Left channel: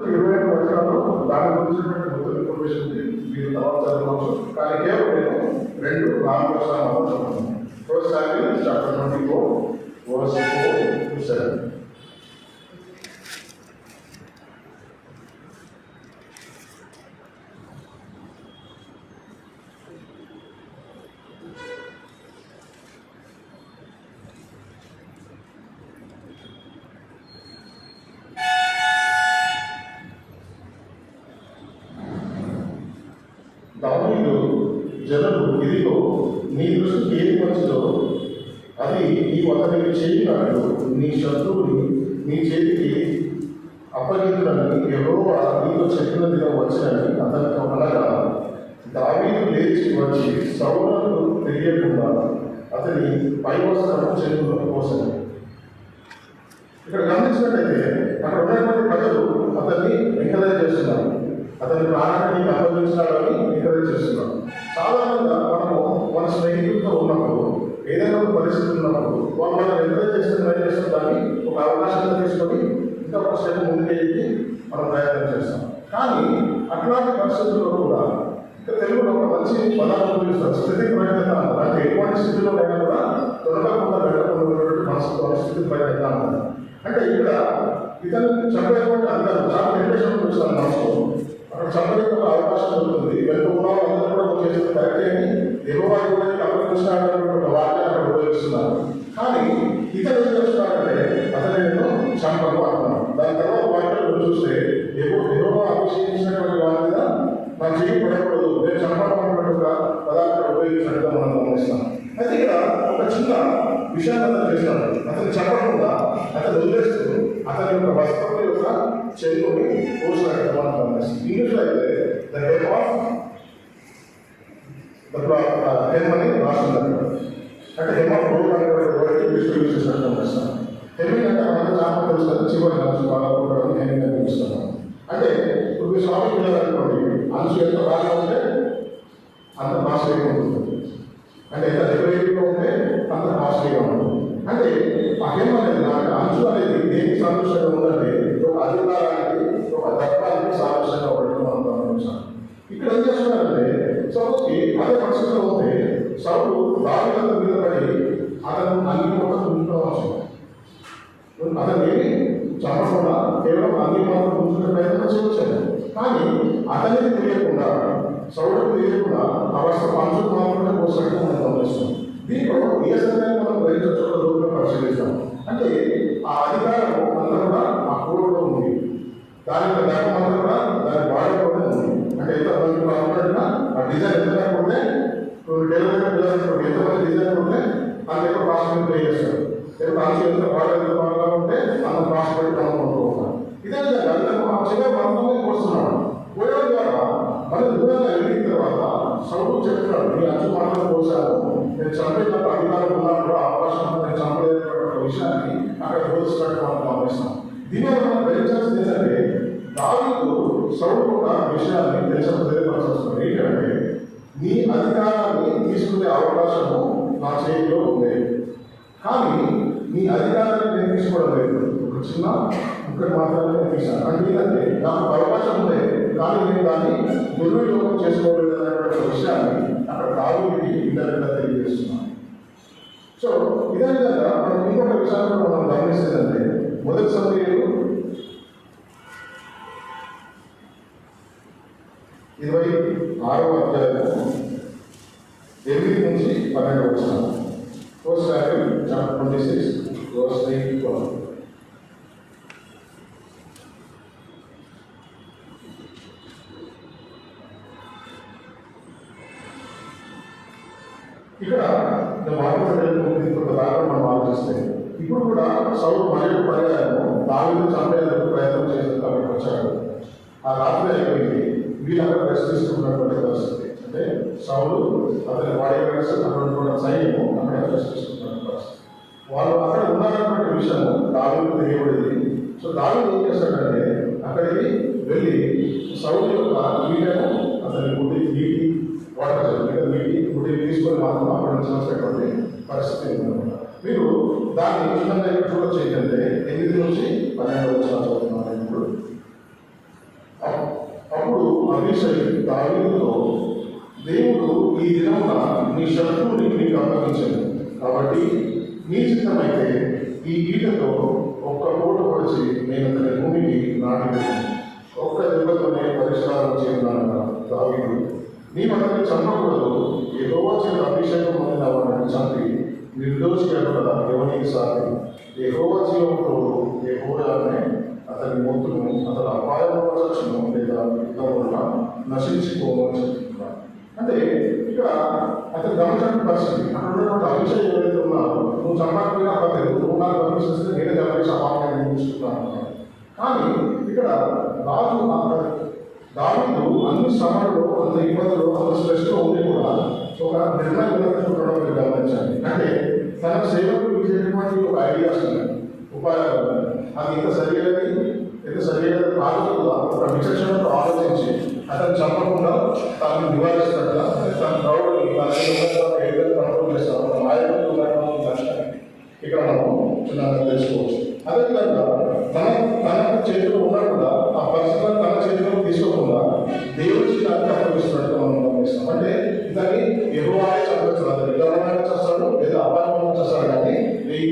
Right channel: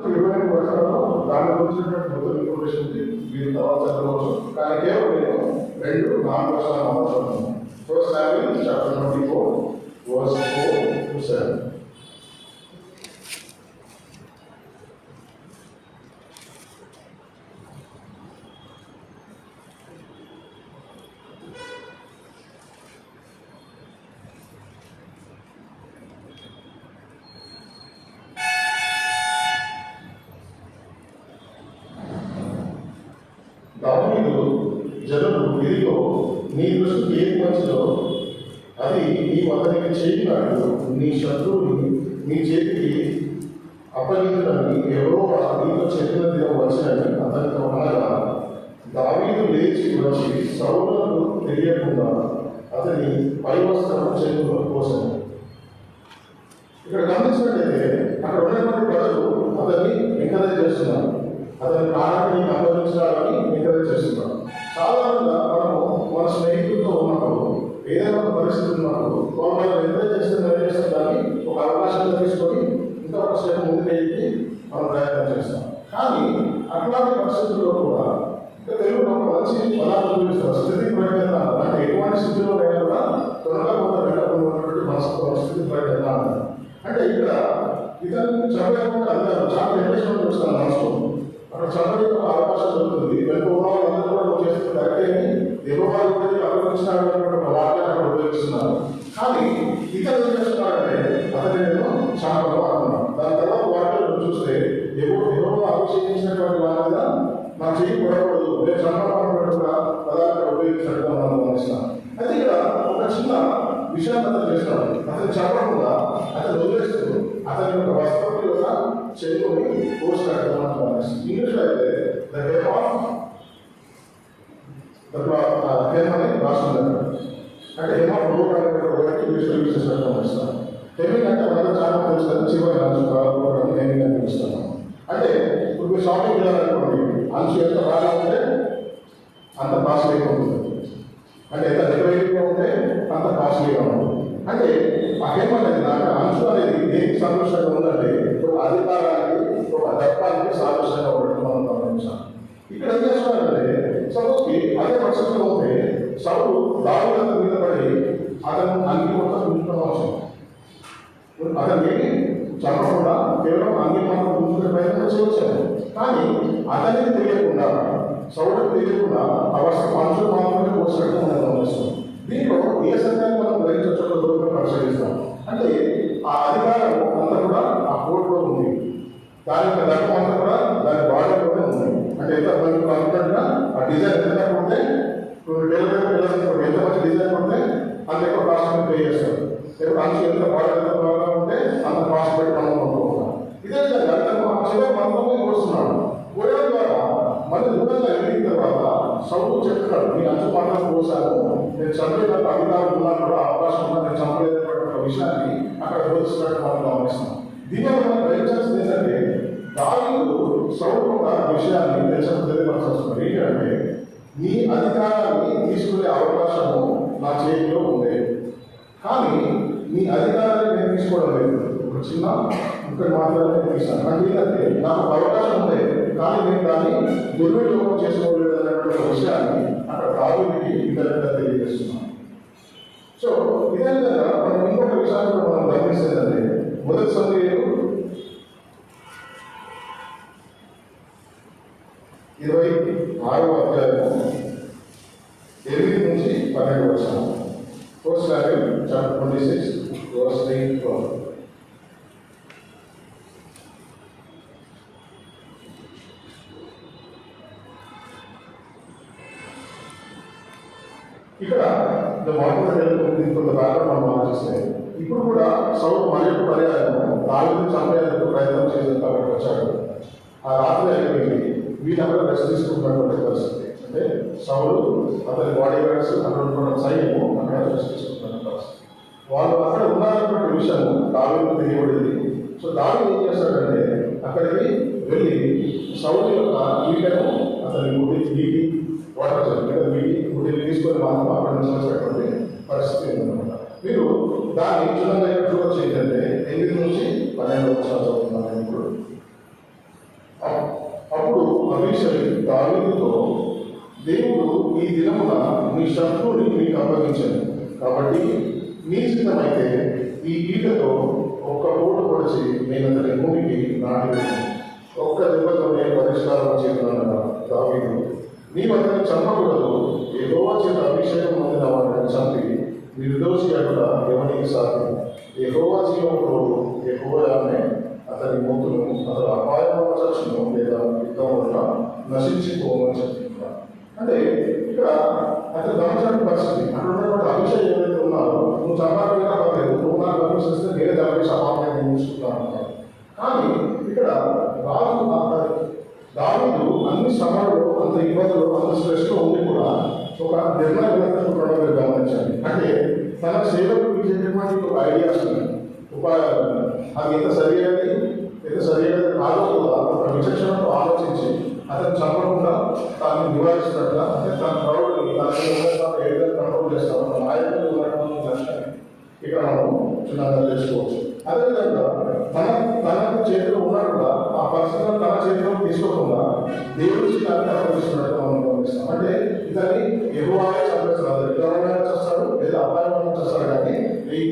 20 వచనాల్లో దాని గురించినటువంటి మొదటి ఇన్ఫర్మేషన్ ఉంది. మీరు తర్వాత చదవచ్చు. కానీ కేవలం నేను 2-4 వచనాలు మాట్లాడుతున్నాను. First Samuel chapter 24 verse 4-7. దావీదు జనులు ఇదిగో నీ దృష్టికి ఏది మంచిదో అది నీవు అతనికి చేయనాడు, నీ శత్రువుని నీ చేతికి అప్పగించునని యెహోవా నీతో చెప్పిన దినం వచ్చినని అతనికి అనగా, దావీదు లేచి వచ్చి సౌలుకు తెలియకుండా అతని పై వస్త్రం చేతుల్లో పోసాడు. ఇక్కడ గమనించినట్లయితే అక్కడ ఉన్నటువంటి ప్రజలు అతన్ని ఎంకరేజ్ చేస్తున్నారు, అతని ప్రాణాన్ని అప్పగించాలని ఎంకరేజ్ చేస్తున్నారు. సాధారణంగా మనము మన స్నేహితులతో ఉన్నప్పుడు ఏదైనా పరిస్థితి ఉన్నప్పుడు వాళ్ళు ఎంకరేజ్ చేస్తున్న దాన్ని ఒక అవకాశంగా తీసుకొని ఇంకా ఒక స్టెప్ ముందుకెళ్ళి మనం ప్రయత్నం చేస్తాం. కానీ అట్లాంటి పరిస్థితుల్లో కూడా ఇంకా తెలుగులో ఒక మంచి పదాలు ఉపయోగిస్తారు, స్థితి ప్రయత్నం. అంటే ఎటువంటి స్థితిలో అయినా కూడా తొలగకుండా వెళ్ళకుండా మనసు స్థితి ప్రయత్నం అంటారు. అంటే ఇక్కడ ఇతను చంపేటువంటి అందరూ చాలా ఇంట్రెస్ట్ చూస్తాను మనసులో. అక్కడ చంపడే ఒక అవకాశం దొరుకుతుంది. వెనుక ఉన్నవాళ్ళు కూడా చేస్తే కరెక్టే అని యెహోవా అభివృద్ధిస్తున్నాడు ఒక వాక్యాన్ని అక్కడ ఉపయోగిస్తున్నారు. కానీ ఇతను ఏం చేస్తున్నారంటే అతను చంపడం అంటున్నాడు. దాని తర్వాత వాక్యాలు చూస్తే యెహోవా అభిషేకించినటువంటి వాళ్ళ మీద నాకు చేయి పడకూడదు, నేను చంపడమైనట్టుగా పదార్థాలు ఉపయోగించినట్టుగా మనం గమనిస్తాం. అయితే ఇక్కడ ఒక చిన్న విషయాన్ని అతను చేస్తాడు. అతను చెప్పకుండా అతను వదిలేస్తూ అతని యొక్క వస్త్రం యొక్క చేతుని పోసినట్టుగా మనం గమనిస్తాం. ఇంగ్లీష్లో అయితే the him of the him అని రాస్తున్నారు. అంటే హెమ్ ఆఫ్ రోడ్ అనేటువంటి ఇంగ్లీష్లో యూజ్ చేసినట్టు గమనిస్తాం. హెమ్మింగ్ అంటే మనకు చాలా తెలుస్తుంది, చివరి రాష్ట్రాలు హెమ్మింగ్ అని పిలుస్తున్నాం. అంటే ఇప్పుడు మీరు షాపింగ్ చేయాలనుకోండి, అంచు ఎంత బాగా ఉంటే అంత కాస్ట్లీగా ఉంటుంది, అంటే ఎంత రెగ్యులేట్గా ఉంటే అంత కాస్ట్లీగా ఉంటుంది. అంటే ఆ హెమ్ అనేది అంచు అనేది దేనికి సాదృశ్యంగా ఉందంటే ఒక అధికారానికి ఒక దర్పానికి సాదృశ్యంగా ఉండడం మనం గమనించాం. ఇక్కడ ఏం చేస్తున్నారంటే సౌలుకి అదే పరిస్థితిలో ఉంటే సౌలు దావీదు మీద పడి అతను అన్ని మొత్తం ఉంచుకోవచ్చు. అతను ఏమి చెప్పకుండా కేవలం అన్ని మాత్రం ఉంచుకునే ప్రయత్నం చేయవచ్చాను. కానీ అతనికి తెలియకుండా సౌలుకు తెలియకుండా ఆ వస్త్రం మనుషులు మాత్రమే పోసినట్టు మనం గమనిస్తాం. దీంట్లో ఏ సంఖ్యను మనం గ్రహించడం పరిశీలిస్తాం. అంటే ఆ అధికారం అంతా కూడా ఆ కోర్టులో ఉంది, దాని యొక్క ధర్మం అంతా కూడా దాని బాడీలోనే ఉంది. అంటే ఎంత మంది అనుకున్నట్టుగా ఆ డిజైన్ ఎంత ఉంటే ఎంతమంది డిజైన్ ఉంటే అంత ఎక్కువ కాస్ట్ పే చేస్తారు. అంచు ఎంత బాగా ఉంటే అంత కాస్ట్ పెట్టి మనం కొనుక్కుంటాం. ఇదే చిన్న మంత్రమే వస్తున్నాడు. పోయడం ద్వారా మళ్ళీ దూరంగా వెళ్ళిన తర్వాత సౌలు చెప్తున్నాడు, నీ అంచు మాత్రం పోసాను, నేను చంపేటప్పుడు అధికారులు ఉన్నప్పుడు అవకాశం ఉంటే నేను చంపేటటువంటి ఒక విషయాన్ని అక్కడ బోధిస్తున్నట్టు మనం గమనిస్తాం. దీనివల్ల మనం గ్రహించాల్సింది ఏంటంటే దావీదు సౌలు ఒక విషయాన్ని తెలియపరచాల్సింది ఏంటంటే, నీ అధికారాన్ని తీసుకునే అవకాశము నా చేతిలో ఉంది, కానీ నీ అధికారాన్ని నేను తీసుకోవడం లేదు. ఒక చిన్న ఇక్కడ మాత్రమే తీస్తాను. అంటే ఏంటంటే నాకు అవకాశం ఉంది, కానీ నేను దాన్ని దుర్వినియోగం చేసుకోలేదు అనేటువంటి విషయాన్ని అక్కడ దావీదుకి ఇంటర్నెట్గా తెలియజేస్తున్నాను. సో ఇదే విధంగా మనం ఇంకొక విషయాన్ని మనం గమనిస్తేంటే మొదటి సమయంలో 26వ అధ్యాయం 8 నుంచి 12 వచనం. First Samuel chapter 26 verse 8-12. ఇక్కడ కొంత దాకా మనం ఆలోచిస్తే ఇప్పుడు కూడా సౌలు మరియు పర్యాయం దావీదును చంపేందుకు ప్రయత్నం చేసేందుకు వచ్చాడు. ఆ రాత్రి అయిపోయింది, వీళ్ళందరూ రెస్ట్ తీసుకుంటున్నటువంటి పరిస్థితి. అంటే సౌలు అతని బాడీ గార్డ్స్ అక్కడ ఉన్న సైన్యం అక్కడ రెస్ట్ తీసుకుంటున్న పరిస్థితి. వాళ్ళు అక్కడ ఉన్నారన్నటువంటి విషయం దావీదుకు తెలియబడింది. సో దావీదు ఏం చేస్తాడంటే అక్కడికి వెళ్ళి సౌలు యొక్క వీళ్ళను అతని గుడి వాటర్ గుడి తీసుకొని మాత్రం అక్కడ నుంచి వచ్చేటువంటి పరిస్థితి ఉందన్నమాట. మీరు దాన్ని చిన్నగా చూడొచ్చు ఏంటంటే 8 నుంచి 12 వచనాలు చదువుతున్నాను. ఇప్పుడు దావీదుతో, దేవుడు ఈ దినమున నీ శత్రువుని నీకు అప్పగించాడు, కాబట్టి నీ చిత్తమైతే ఈ ఈటతో ఒక్క పోటు పొడిచి నేను అతని భూమికి నాటివేశాను. ఒక్క దెబ్బతోనే పరిష్కారం చేస్తున్నాను దావీదు. నీవు అతన్ని చంపకూడదు, యెహోవా చేత అభిషేకం పొందిన వాడిని చంపి నిర్దోషి అక్కడ ఎవరికి సాగు. యెహోవా జీవంతో యెహోవానే అతని మొత్తును అతను అపాయంలో చచ్చును లేదా యుద్ధం వల్ల నశించిపోవని చెప్తున్నాడు. అంటే ఇక్కడ అతను గమనించిన పరిస్థితి, అక్కడ ఉన్నటువంటి అభిషేకం ఏదైతే ఉన్నారో, నువ్వు చంపకపోయినా పర్లేదు, నువ్వు నాకు గమనిస్తే నేనే దానికి అపాయాన్ని చూసుకుంటాను. కానీ ఇక్కడ దావీదు అన్ని శ్రమలు, అంత ఇబ్బందులు, అంత స్ట్రెస్లో ఉండి కూడా ఒక నిర్ణయం ఉండడం మీరు గమనించండి. అంటే తన సేవకు ఇచ్చేటటువంటి ఒక ఐడియాస్ ఉన్నాయి, ఉపాయాలు, అది ఎంత సరైనది కాకుండా ఒక విచక్షణతో ఆలోచించి అతను చంపకుండా తాను నివారిస్తున్నట్లా, అంటే తన ప్రౌడ్ని ఏ విధంగా కంట్రోల్ చేస్తారో నాయకులు లక్ష్యాన్ని ఇక్కడ మనం చిన్నగా తెలుసుకోవచ్చు. అదేవిధంగా తన చేతిలో ఉన్నట్టుగా ఆ పరిస్థితులను తన చేతిలో తీసుకోకుండా దేవుడికి అర్థపరిస్తున్నట్టుగా మనం గమనిస్తాం. అంటే ఇతని యెహోవానే చంపేస్తున్నాడు, ఎవరైనా చేస్తాడు లేదా అపాయం చేస్తాడు, కానీ ఈ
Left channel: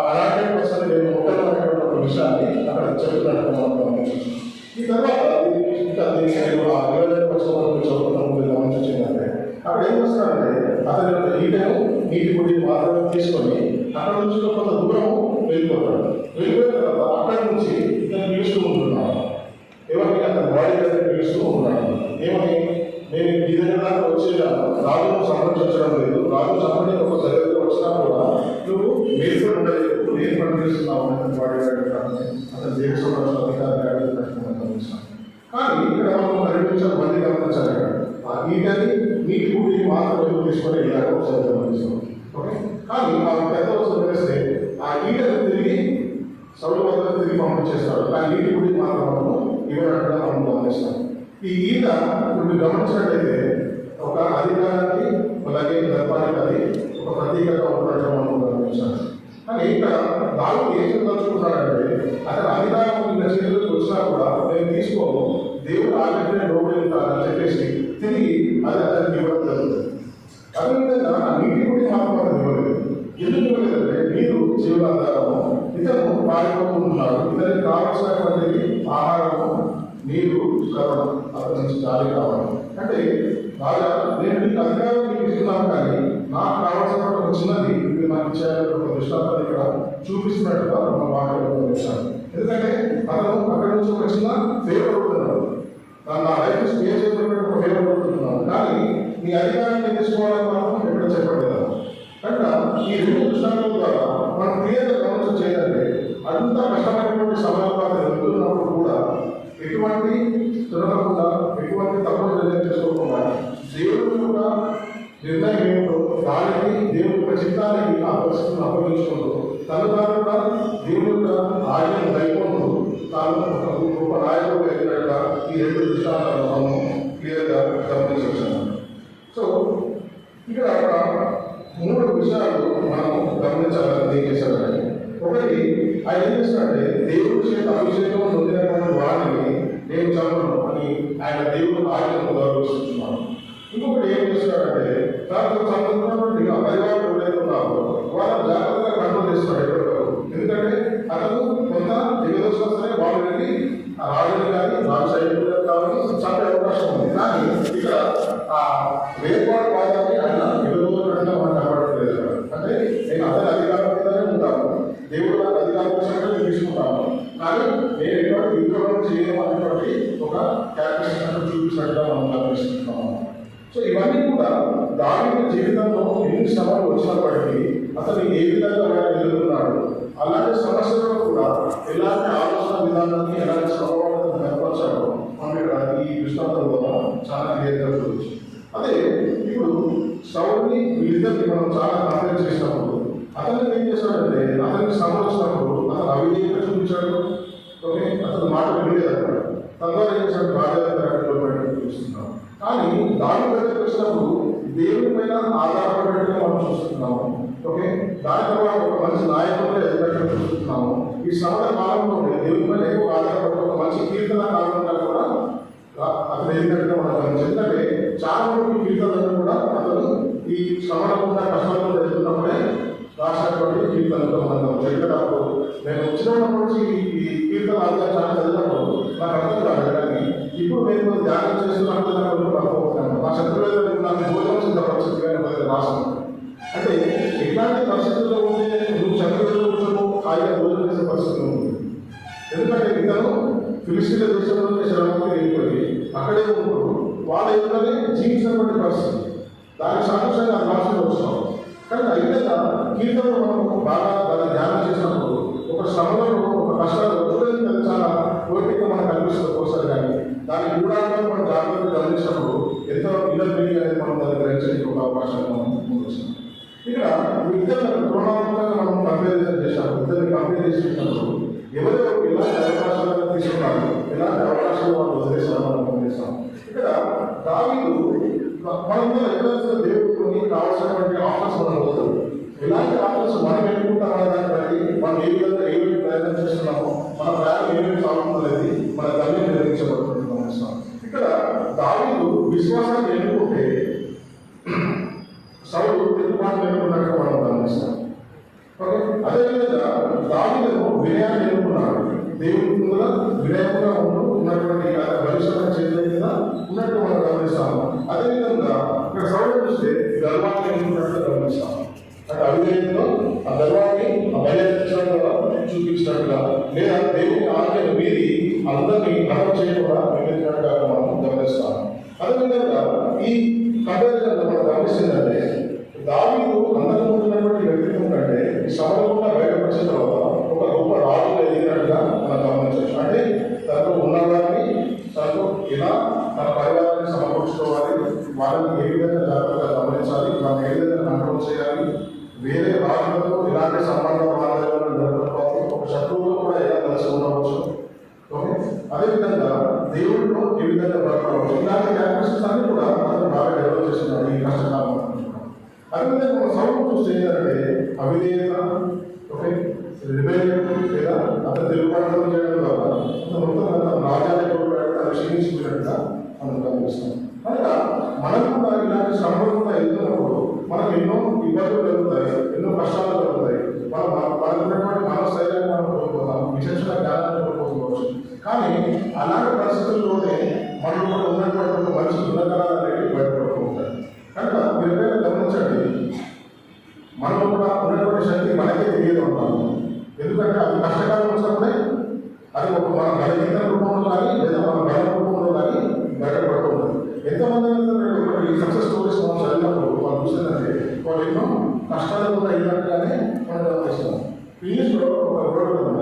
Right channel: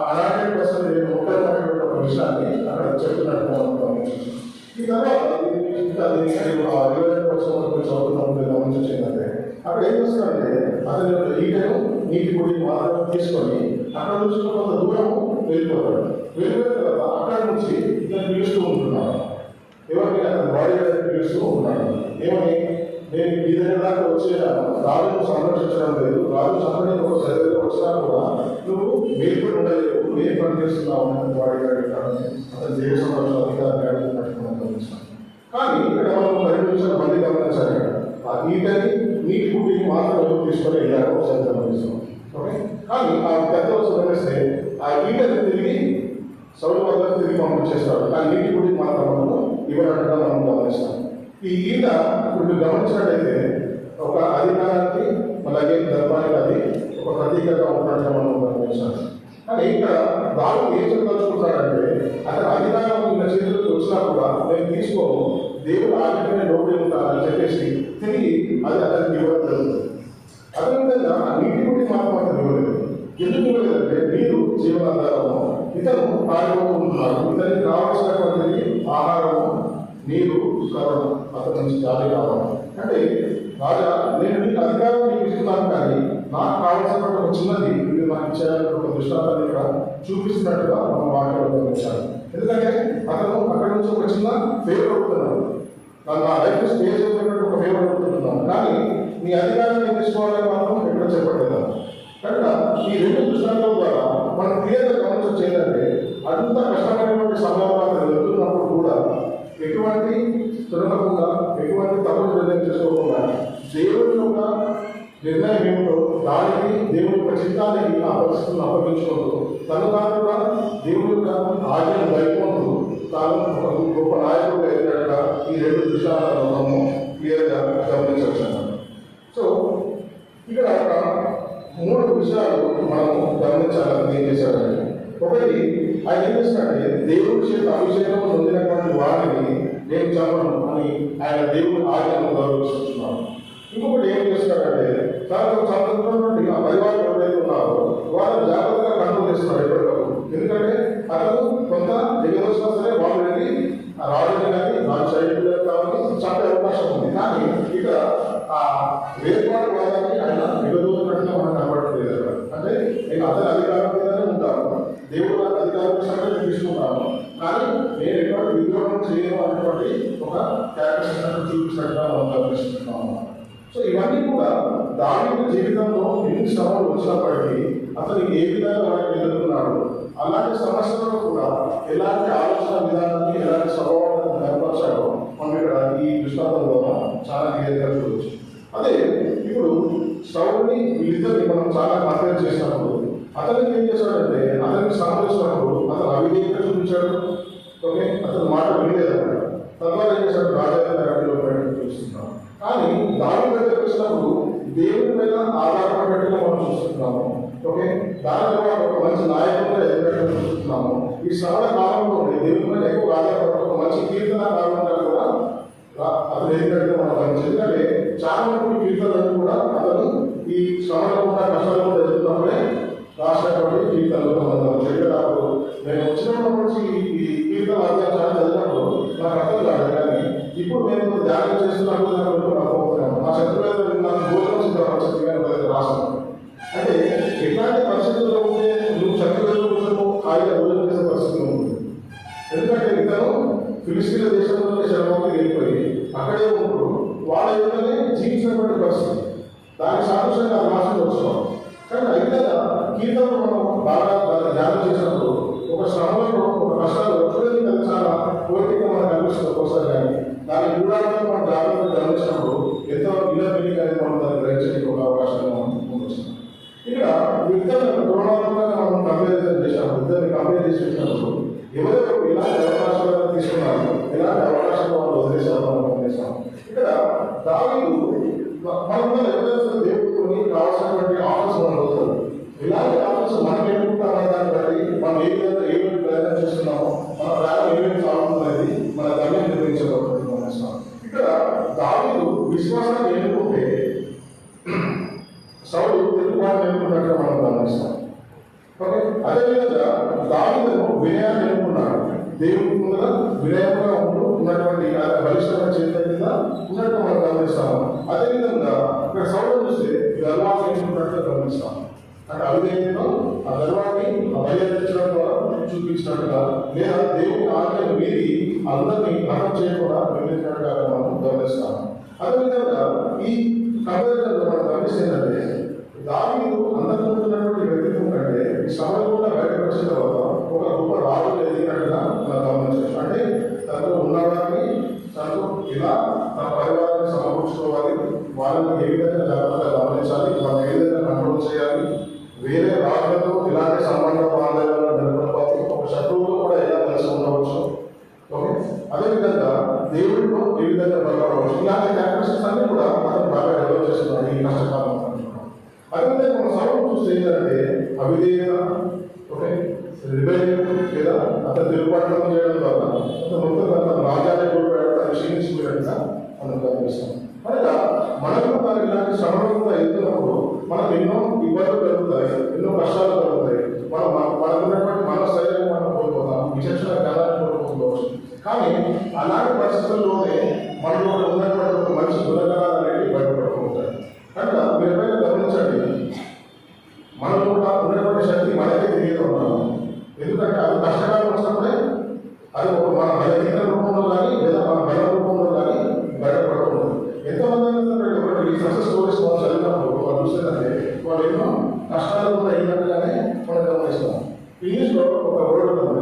అలాంటి పర్సన్ నేను ఒక్కరినటువంటి ఒక విషయాన్ని అక్కడ చెప్తున్నట్టుగా మనం గమనిస్తాం. ఈ తర్వాత ఇంకా గమనించిందంటే అక్కడ ఏం చేస్తాడంటే అతని యొక్క ఈటను నీటి గుడిని మాత్రమే తీసుకొని అక్కడ నుంచి కొంత దూరం వెళ్ళిపోతాడు. వెళ్ళిపోయిన తర్వాత అక్కడ నుంచి ఇతను పిలుస్తూ ఉంటున్నాడు, ఎవరిని అతని బాడీ దగ్గర పిలుస్తూ ఉన్నాడు. ఏమని, నేను ఈ దగ్గర దాకా వచ్చే రాజును సంరక్షించడం లేదు, రాజు సంరక్షణ ఒక దగ్గర వచ్చినా కూడా నువ్వు మేల్కొని ఉండలేదు, నేను పనిచేస్తున్నావు అతని బాడీ అతని దేశ సంరక్షణ గమనిస్తాను. కానీ ఇక్కడ మనం 2 నిమిషాలు మళ్ళీ గమనించాలి. ఆ ఈటని నీటి గుడిని మాత్రం తీసుకొని వెళ్ళారు ఒకసారి గమనిస్తాం. ఓకే, కానీ ఆ పెద్ద గమనిస్తే ఆ ఈటని తిరిగి సౌలు వద్ద తిరిగి పంపించేస్తాడు, కానీ నీటి గుడిని మాత్రం ఇవ్వడం మనం గమనిస్తాం. ఈ ఈట ఇప్పుడు మీరు గమనించినట్లయితే ఒక అధికారానికి అలాగే గర్భానికి అది ఒక ప్రతీకగా ఉండటం మనం గమనించాలి. కానీ ఇక్కడ బాగా ఏం చెప్పదలుచుకుంటాడంటే అక్కడ అధికారం చేతులకు వచ్చినా కూడా నేను తీసుకోను, దేవుడు ఆజ్ఞనే లోపలి ఉంటానని చెప్పేసి తిరిగి అది అతనికి ఇవ్వడం జరుగుతుంది. అదేవిధంగా ఆ నీటి గుడి మాత్రం అతను ఇవ్వలేదు. ఎందుకు ఇవ్వలేదంటే నీరు జీవనాధారము, ఇతను పారిపోతున్నాడు, ఇతనికి కావాల్సినటువంటి ఆహారము, నీరు, కరోనా అతని నుంచి జాలి కావాలి. అంటే బాగా నేను నీకు అధికారం నీకు ఇస్తున్నాను, కానీ నాకు కావాల్సినటువంటి ఒక చిన్నది ఇది నాకు ఇచ్చేయాలని ఒక దృష్టాంతాన్ని ఇక్కడ చూపిస్తున్నట్టుగా మన వాక్యంలో గమనించాలి. ఎందుకంటే అతను అక్కడి నుంచి ఒక చిన్న ఫేవర్ అవుతున్నాడు, నా లైఫ్ స్టే చేసినటువంటి ఒక ఫేవర్ అవుతున్నాను, కానీ నీ అధికారాన్ని తీసుకోవాలని మాత్రం ఎక్కడ చెప్పలేదు. కనుక ఈ 2 దృష్టాంతాల ద్వారా మనం క్లియర్గా గమనించడం చేయాలంటే అంత కష్టమైనటువంటి సమయాలు వెళ్తున్నప్పుడు కూడా ఎటువంటి తిరగకుండా, ఎటువంటి తప్పులు నిర్ణయం చేసుకోకుండా దేవుడి యొక్క నిర్ణయం ఏమిటో దానికి దేవుడి యొక్క చిత్తానికి ఆ పరిస్థితులను అప్పగించుకుంటూ తను కాకుండా దేవుడి యొక్క ఆజ్ఞను గైకొంటూ తాను ఒక గొప్ప నాయకుడు ఎదిగినట్టుగా ఈ 2 దృష్టాంతాలను మనం క్లియర్గా గమనించవచ్చు. సో ఇక్కడ 3 విషయాలు మనం గమనించాలని ఏం చేశారంటే, ఒకటి ఆయన ఏం చేస్తాడంటే దేవుడి చేత అభిషేకం పొందినటువంటి వాడిని నేను చదవను అని ఆయన దేవుడి ఆజ్ఞను గౌరవిస్తున్నాను. ఇంకొకటి ఏం చేస్తున్నాడంటే తనకు సంబంధించినటువంటి ఆ పరివారం ఎవరైతే ఉన్నారో వాళ్ళు జాగ్రత్తగా కంట్రోల్ చేస్తున్నాడు ఎప్పటికప్పుడు. ఎందుకంటే అతను కొంత దిగదోసే వాళ్ళు వెళ్ళి ఆ రాజుని కానీ మన సైనికులు కానీ చంపే అవకాశం ఉంది. కానీ ఇక్కడ ఆ వేర్పాటు వాదాన్ని ఆయన దిగదోసినట్టుగా మనం కనబడట్లేదు. అంటే నేను అతని అధికారం మీదనే ఉంటాను, దేవుడు నాకు అధికారం విషయంలో నేను తీసుకుంటాను, కానీ నేను ఎటువంటి విద్రోహం చేయను అనేటువంటి ఒక క్యారెక్టరిస్టిక్స్ చూపించినట్టుగా మనం గమనిస్తున్నాము. సో ఇవన్నీ కూడా దావీదు జీవితంలో ఎన్ని శ్రమలు వచ్చినప్పటికీ అతను ఏ విధంగా వాటిని ఎదుర్కొన్నాడు, అలాంటి సమస్యలను కూడా ఎలాంటి ఆలోచన విధానాన్ని ఎలాంటి స్వభావాన్ని కనపరిచాడో మనం ఇక్కడ ఈ దృష్టాంతం ద్వారా చాలా క్లియర్గా చూడవచ్చు. అదే ఇప్పుడు సౌలుని వీళ్ళిద్దరిని మనం చాలా కంపేర్ చేసినప్పుడు అతనికి ఏం చేశాడంటే అతనికి శ్రమ చేసినప్పుడు అతను అవిధేయత చూపించాడు. ఓకే, అతను మాట వినలేదన్నమాట. తద్వారా ఏం చేశాడు, రాజాధికారులు బయటకు చూస్తున్నాం. కానీ దావీదు దగ్గరికి వచ్చినప్పుడు దేవుని పైన ఆధారపడేట్టుగా మనం చూస్తున్నాము. ఓకే, దాని ద్వారా ఒక మంచి నాయకుడిగా ఎదుగుదల చూస్తున్నాము. ఈ శ్రమణ కాలంలో దేవుని పైన ఎక్కువ ఆధారపడే ఒక మంచి కీర్తన కాకుండా కూడా అతను ఎందుకంటే మనం గమనించి ఎందుకంటే చాలా మంది కీర్తనలు కూడా అతను ఈ శ్రమలో ఉన్న కష్టాలను ఎదుర్కొన్నప్పుడే రాసినటువంటి కీర్తనలు మనం చేయడానికి నేను వచ్చినప్పటి నుంచి ఈ కీర్తన అధ్యాయాన్ని చదివినప్పుడు నాకు అర్థం కాదు. కానీ ఇప్పుడు నేను ధ్యానం చేస్తున్నప్పుడు నాకు అనుకుంటున్నాను నా శత్రువులు నాకు భోజనం సిద్ధపరిస్థితి రాసాను. అంటే ఎట్లాంటి పరిస్థితుల్లో ఉంటే నువ్వు శత్రువులు కూర్చొని హాయిగా భోజనం చేసే పరిస్థితులు ఉంటుంది. ఎందుకంటే ఇతను ఫిలిస్తీన్ల దేశంలో శరణాలకు వెళ్ళిపోయి అక్కడే ఉంటూ వాళ్ళ ఎదురుగానే జీవించినటువంటి పరిస్థితి. దానికి సాదృశ్యంగా రాష్ట్రంలో వస్తున్నాం. కానీ అయితే కీర్తనలు మనం బాగా ధ్యానం చేసినప్పుడు ఒక శ్రమలో ఒక కష్టాలు చూడడానికి అది చాలా కోరికగా మనకు కనిపిస్తుంది ఒక్కోసారి. కానీ దాని గూఢాలను మనం జాగ్రత్తగా గమనించినప్పుడు ఎంతో ఇన్నర్ మీనింగ్ అనేది మనం దాన్ని గ్రహించడానికి ఒక అవకాశాన్ని మనం ముందుకొచ్చాం. ఇక్కడ ఇద్దరు తులనాత్మకంగా మనం కంపారిజన్ చేశాము. ఇద్దరిని కంపేర్ చేసినప్పుడు ఎవరెవరు ఎలాంటి అవకాశాలను తీసుకున్నారు, ఎలాంటి అవకాశాలు వాళ్ళు వదిలేశారు మనం గమనిస్తాం. ఇక్కడ దావీదు మనం ఎప్పుడైతే దేవుడికి కావాల్సినటువంటి ఆఫర్స్ మనం వదులుతాం. ఇలాంటి ఆఫర్స్ మనం ఎన్నుకుంటామో దాన్ని బట్టి మనం ఏ విధంగా ఏమేమి ప్రయత్నం చేస్తున్నామో మన ప్రయాణం ఏమేమి సాగుతుందనేది మన గమ్యం నిర్మించబడుతుంది గమనిస్తాం. ఇక్కడ దావీదు విశ్వాసాన్ని ఎన్నుకుంటే సౌలు తిరుగుబాటు ఎన్నుకున్నట్టు మనం గమనిస్తాం. అదేవిధంగా దావీదును వినయాన్ని ఎన్నుకున్నాడు. దేవుడి మీద వినయంగా ఉన్నటువంటి బలిష్టమైన చేతుల మీద ఉన్నట్టు మనం గమనిస్తాము. అదేవిధంగా ఇక్కడ సౌలు చూస్తే గర్వాన్ని ఎన్నుకున్నట్టు గమనిస్తాము. అంటే అవిధేయంలో ఆ గర్వాన్ని ఆ బయలుదేరించడం ద్వారా చూపించినట్టుగా లేదా దేవుని ఆజ్ఞను మీరి అందరినీ హతం చేయకుండా వివరించినట్టుగా మనం గమనిస్తాము. అదేవిధంగా ఈ కంపారిజన్లో మనం గమనిస్తుందంటే దావీదు అందరి ముందున్నటువంటి వ్యక్తిత్వం కంటే ఈ సమయంలో బయటపడిన తర్వాత ఒక గొప్ప రాజు ఎదిగినట్టుగా మనం గమనించవచ్చు. అంటే తనకు ఉన్నదాన్ని తనకు ఇలా తన పరివారాన్ని సమకూర్చుకోవాలి, వాళ్ళని ఏ విధంగా జాగ్రత్తగా గమనించాలి, మనం ఏ విధంగా కంట్రోల్ చేయాలి, వేరే రాజులతో ఇలాంటి సంబంధ బాంధవ్యాలను జరపకపోతే ఒక శత్రువుతో కూడా ఎలా కలిసి ఉండవచ్చు. ఓకే, అదేవిధంగా దేవుడితో ఏ విధంగా బ్రతకవచ్చు. ఇలాంటి క్యారెక్టర్స్ అన్ని కూడా అతను బాగా డెవలప్ చేస్తున్నాడు ఈ కష్టకాలం. అదేవిధంగా మన సౌలు చూస్తే ఏంటంటే అవిధేయత, ఓకే, రిబెలియన్ లేదా అతను తిరుగుబాటు చేయడం ద్వారా అతను మొత్తం రాజ్యాన్ని కోల్పోయాడు, క్షీణించిపోయినట్టుగా మనం గమనిస్తాం. అనగా మనం కూడా ఇలాంటి శ్రమలు కూడా ఎదుర్కొన్నప్పుడు మనకు ఎన్నో ఇబ్బందులు కలుగుతాయి, ఎన్నో కష్టాలు కలుగుతాయి. మనకు ఉన్నటువంటి మనస్థైర్యాన్ని మనం కోల్పోతాం, విచక్షణ జ్ఞానాన్ని కోల్పోవచ్చు. కానీ అలాంటి పరిస్థితుల్లోనే మనం కూడా ఉన్నటువంటి మంచి దురకాలు అనేవి బయటపడుతుంటాయి. కనుక మీరు ఎప్పుడైనా గమనించండి, మనం కూడా ఉన్నటువంటి శక్తి మనకే తెలియదు ఉంటాము. ఎందుకంటే అది కష్టకాలం వచ్చినప్పుడే అది ఒక మన బలహీన రూపంలో కానీ లేదా మన బల రూపంలో కానీ బయటపడుతుంది. ఎంతమంది ఈ సక్సెస్ స్టోరీస్ మనం చదివినప్పుడు మనం చూసేదంటే వాళ్ళు ఎన్నో కష్టాలు కూడా అయినట్టుగానే మనం గమనిస్తాం. ఇంగ్లీష్లో ఒక వర్డ్ ఉంది,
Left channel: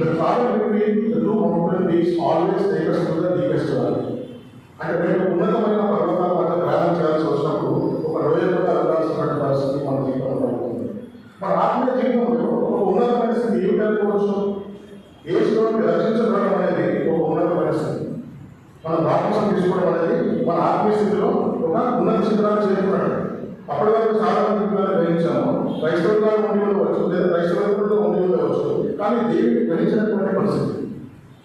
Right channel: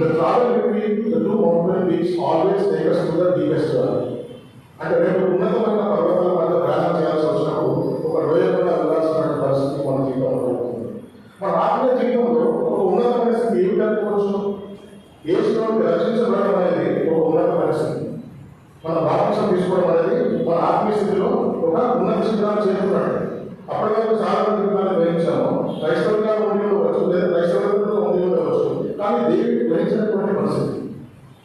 the travel between the two mountain peaks always take us to the deepest valley. అంటే మేము ఉన్నతమైన పర్వతాల మధ్య ప్రయాణం చేయాల్సి వచ్చినప్పుడు ఒక లోయలో వెళ్ళాల్సినటువంటి పరిస్థితి మన జీవితంలో ఉంటుంది. మన ఆత్మీయ జీవితంలో ఒక ఉన్నతమైన స్థితి ఏమి జరగవచ్చు? యేసులోకి రక్షించబడడం అనేది ఒక ఉన్నతమైన స్థితి. మన బాప్తిసం తీసుకోవడం అనేది మన ఆత్మీయ స్థితిలో ఒక ఉన్నత శిఖరాన్ని చేరుకున్నట్టు. అప్పటివరకు చాలా మంది గ్రహించాము, క్రైస్తవులుగా ఉండి ఉండవచ్చు లేదా క్రైస్తవులుగా ఉండి ఉండవచ్చు, కానీ దేవుడు గ్రహించినటువంటి పరిస్థితి.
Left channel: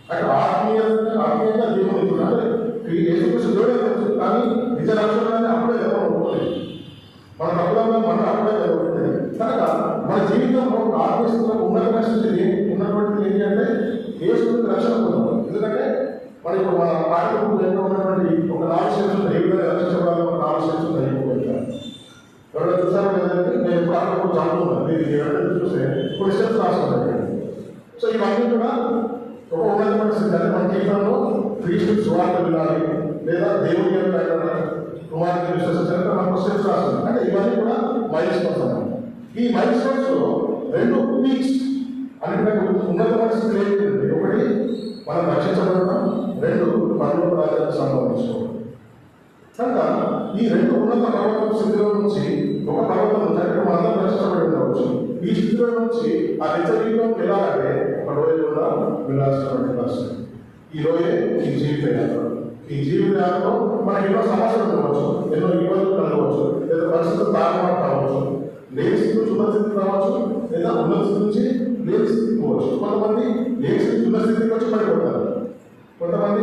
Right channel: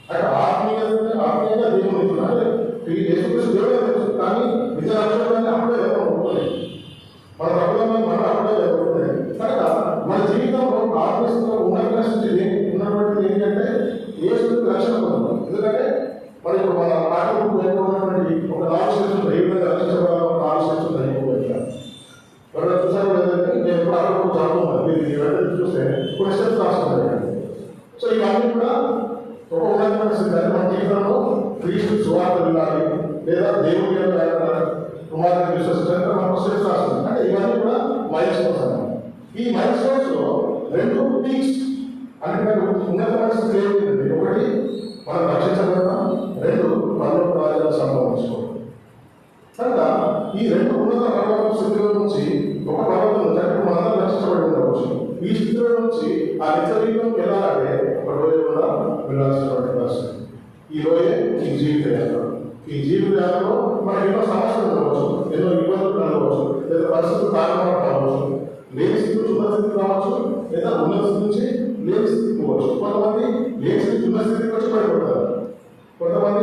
అంటే ఆత్మీయంగా దేవుడు అంటే కానీ నిజ రక్షణాన్ని అప్పుడే జరగబడుతుంది. మన అప్పుడే జరగబడుతుంది. కనుక మన జీవితంలో ఆత్మీయతలో ఉన్నటువంటి ఏంటంటే యేసుకి రక్షణ పొందాలి. ఎందుకంటే మరి ఇప్పుడు మన పాఠకులు నేర్చుకున్నటువంటి ఒక 4 స్టెప్స్ ఏ విధంగా రక్షించబడాలో 4 స్టెప్స్ నేర్చుకోగలుగుతాను. ఎవరైనా చూసాను లేదంటే నేను ఇప్పుడు అక్కడ చదువుతున్నాను, మీరు చూస్తే కొన్ని స్టెప్స్ రాస్తాను. సో ఇవన్నీ కూడా ఒక ఉన్నతమైన స్థితి. మన జీవితంలో క్రీస్తు సువార్త వినాలి లేదా దేవుడి కుమారుని విశ్వసించాలి మనం స్టెప్స్ రాస్తాం. అంటే ఇవన్నీ కూడా మైల్ స్టోన్స్ అన్నమాట. ఈ మైల్ స్టోన్స్ లో 2 పీక్స్ అంటే ఉన్నతమైన స్థితి ఏంటి? ఒకటి మనం రక్షించబడడం, 2 పరలోక రాజ్యాన్ని సంపాదించుకోవడం. కనుక ఈ 2 ఉన్నత పర్వత స్థితిలో నుంచి ఒక పర్వతం నుంచి మనం రక్షించబడి ఉండవచ్చు. ఈ స్థితిలో నుంచి ఆ నిత్య జీవితంకి వెళ్ళాలంటే ఒక రోజు కూడా వెళ్ళాల్సినటువంటి పరిస్థితి. ఈ రోజే ఈ జీవిత యాత్ర. ఈ జీవిత యాత్రలో మనకి ఎన్నో సమస్యలు ఉండవచ్చు, ఎన్నో ఇబ్బందులు కలగవచ్చు, లేదా పరిస్థితులు కారణాలు కావచ్చు, లేని స్థితి ఉన్న స్థితి కావచ్చు, లేదా ఉన్న స్థితి నుంచి లేని స్థితికి పోవచ్చు. కొంతమంది లేని స్థితి ఉన్న స్థితికి వచ్చి పడిపోతారు, కొంతమంది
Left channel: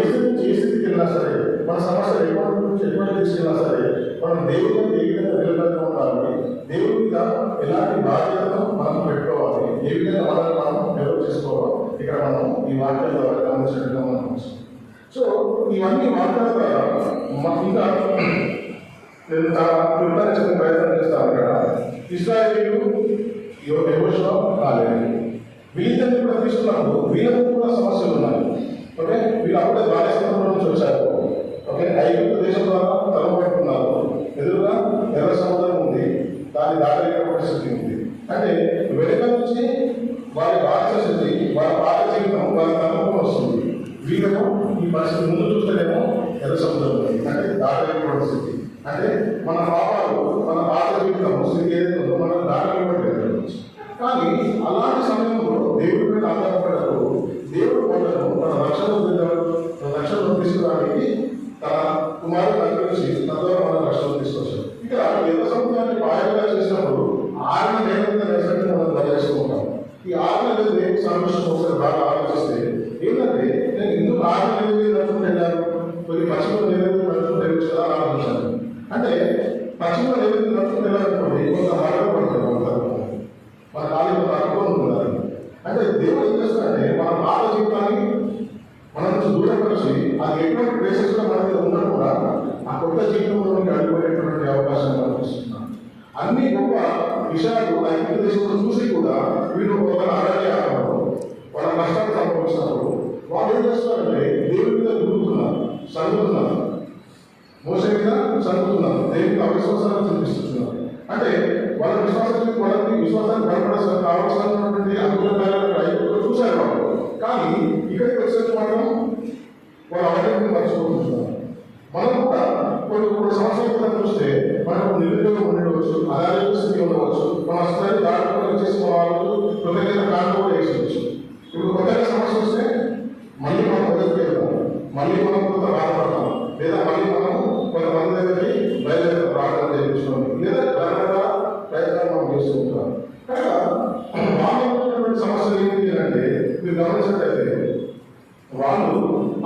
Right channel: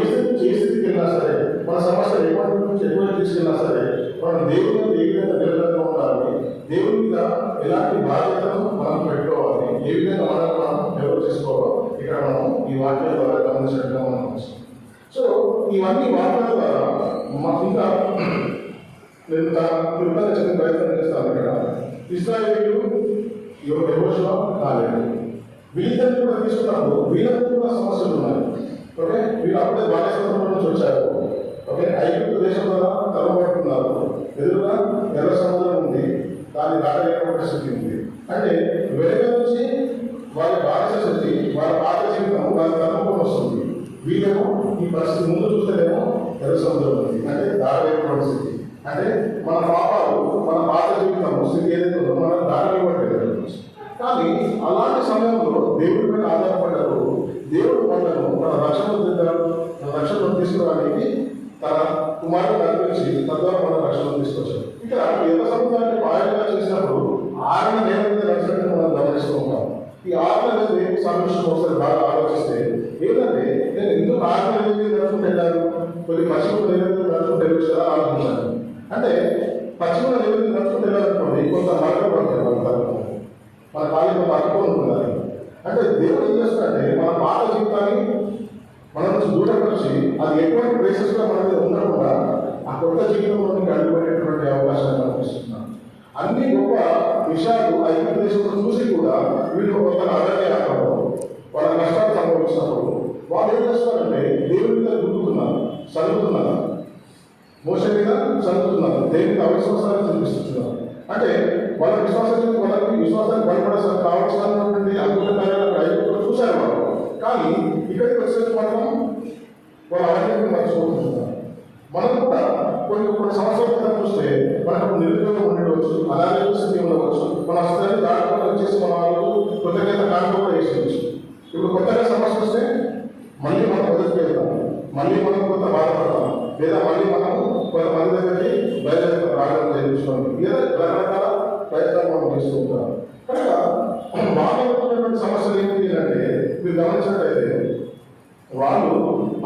ఏ స్థితికి వెళ్ళినా సరే, మన సమస్య ఎటువంటి తీసుకెళ్ళినా సరే, మనం దేవుని ఏ విధంగా నిలబడి ఉండాలి, దేవుని మీద ఎలాంటి బాధ్యతను మనం పెట్టుకోవాలి, ఏ విధంగా మనం నిర్వహించుకోవాలో ఇక్కడ మనం ఈ వాక్యాల ద్వారా గమనించడంగా మనం. సో ఇవన్నీ వాక్యాల ద్వారా ఇంకా నేను చెప్పిన ప్రయత్నం చేస్తాను. ఇక్కడ ఇశ్రాయేలీయులు యెహోషువ కాలేదు. వీళ్ళని కూడా తీసుకున్నప్పుడు వీళ్ళకు కూడా సమస్యలు ఉన్నాయి. ఓకే, వీళ్ళు అప్పుడే బాల్యస్థానం నుంచి వచ్చారు. ఓకే, ఐగుప్తు దేశం ద్వారా తరబడుతున్నారు. ఎదురుగా ఎర్ర సముద్రం ఉంది, దాన్ని దాటలేని పరిస్థితి ఉంది. అంటే వెనుక నుంచి వాళ్ళ బాధ్యత శక్తి, వాళ్ళ పాత జీవితం వాళ్ళ తరపున వస్తుంది. వీళ్ళను ఈ పరిస్థితి ముందు చూస్తేనేమో ఎర్ర సముద్రం ఉంది, అంటే దాటలేని పరిస్థితి. అంటే మన పాపాలు, మన పాత జీవితం స్థితి ఏదైతే ఉందో మనం దాటలేకపోవట్లేదు. కానీ అలాంటి సమయంలో దేవుడి మీద ఆధారపడ్డారు. దేవుడు వాళ్ళను తన రక్షణ తీసుకోవడానికి తన కుమారుడు అర్పించి తద్వారా మన రక్షణ తీసుకొచ్చారు. ఇక్కడ ఎర్ర సముద్రాన్ని పాయగా చేసినప్పుడు ఆజ్ఞ నేల నడిచినట్టు మనం గమనిస్తుంటాం. ఈ ఆజ్ఞ అనేది దేవుడు సాదృశ్యం ఒకసారి బాగా ఆలోచిస్తే ఏంటంటే, నేను ఎందుకు ఆజ్ఞ అనేది నడుచుకుంటాను, కొన్ని పశ్చిమ నివేదిక నడుచుకుంటే కదా ఆలోచించాను. అంటే పశ్చిమ నివేదిక నడుచుకుంటే అనుకోండి, కొంత మార్గం పడుతుంది, మన కాళ్ళ కొంత అర్థం ఉంటుంది. అంటే దేవుడు ఏం చేస్తాడంటే మన పాత జీవితాన్ని మన నుంచి దూరపరిచి అది ఎటువంటి ప్లేసెస్లో మనకి ఉండడం కూడా ఆ కొత్త జీవితంలో అడుగుపడేటువంటి అవకాశాన్ని కల్పిస్తున్నాను. అన్ని గొప్ప విషయాలు ఐదు దేశంలో చూసి కూడా వీళ్ళు ఒక అరణ్య వాళ్ళ కష్టాలు అనుభవించినప్పుడు వాళ్ళు ఏం చేస్తారంటే దేవుడి మీద దూరుతున్నారు, చదువుతున్నారు, మోసే మీద చదువుతున్నారు, దేవుడికి అవిశ్వాసాన్ని చూపిస్తున్నారు. అంటే వాళ్ళ విశ్వాసాన్ని బయటపడాల్సిన కావాల్సినటువంటి అద్భుతమైన చూశారు వాళ్ళు. కానీ ఇక్కడికి వచ్చేసి మాత్రం వాళ్ళు అవన్నీ మర్చిపోతున్నారు. మనం కూడా కొన్ని సంవత్సరాల క్రితం చూస్తే మనకు నిరుద్యోగం ఉండవచ్చు, అలాగే స్థితి ఉండవచ్చు, మన స్థాయి దాడులు వచ్చేసి మన వాళ్ళు కృతజ్ఞత కానుక కూడా వేసుకోవచ్చు. ఇప్పుడు కొత్తగా సమస్య వస్తే మళ్ళీ మనం మొదటికి వెళ్తాం, మళ్ళీ మనం కొంత బాధపడతాం, లేదా మళ్ళీ మనం కొంతమంది దగ్గరికి బయలుదేరి ప్రార్థన చేయించుకోండి, లేదా రకరకాల ప్రయత్నాలు మనం చేసుకుంటాం. కనుక బాగున్నటువంటి సమస్యలు ఏంటి అంటే మీరు గమనించినట్టయితే వాళ్ళు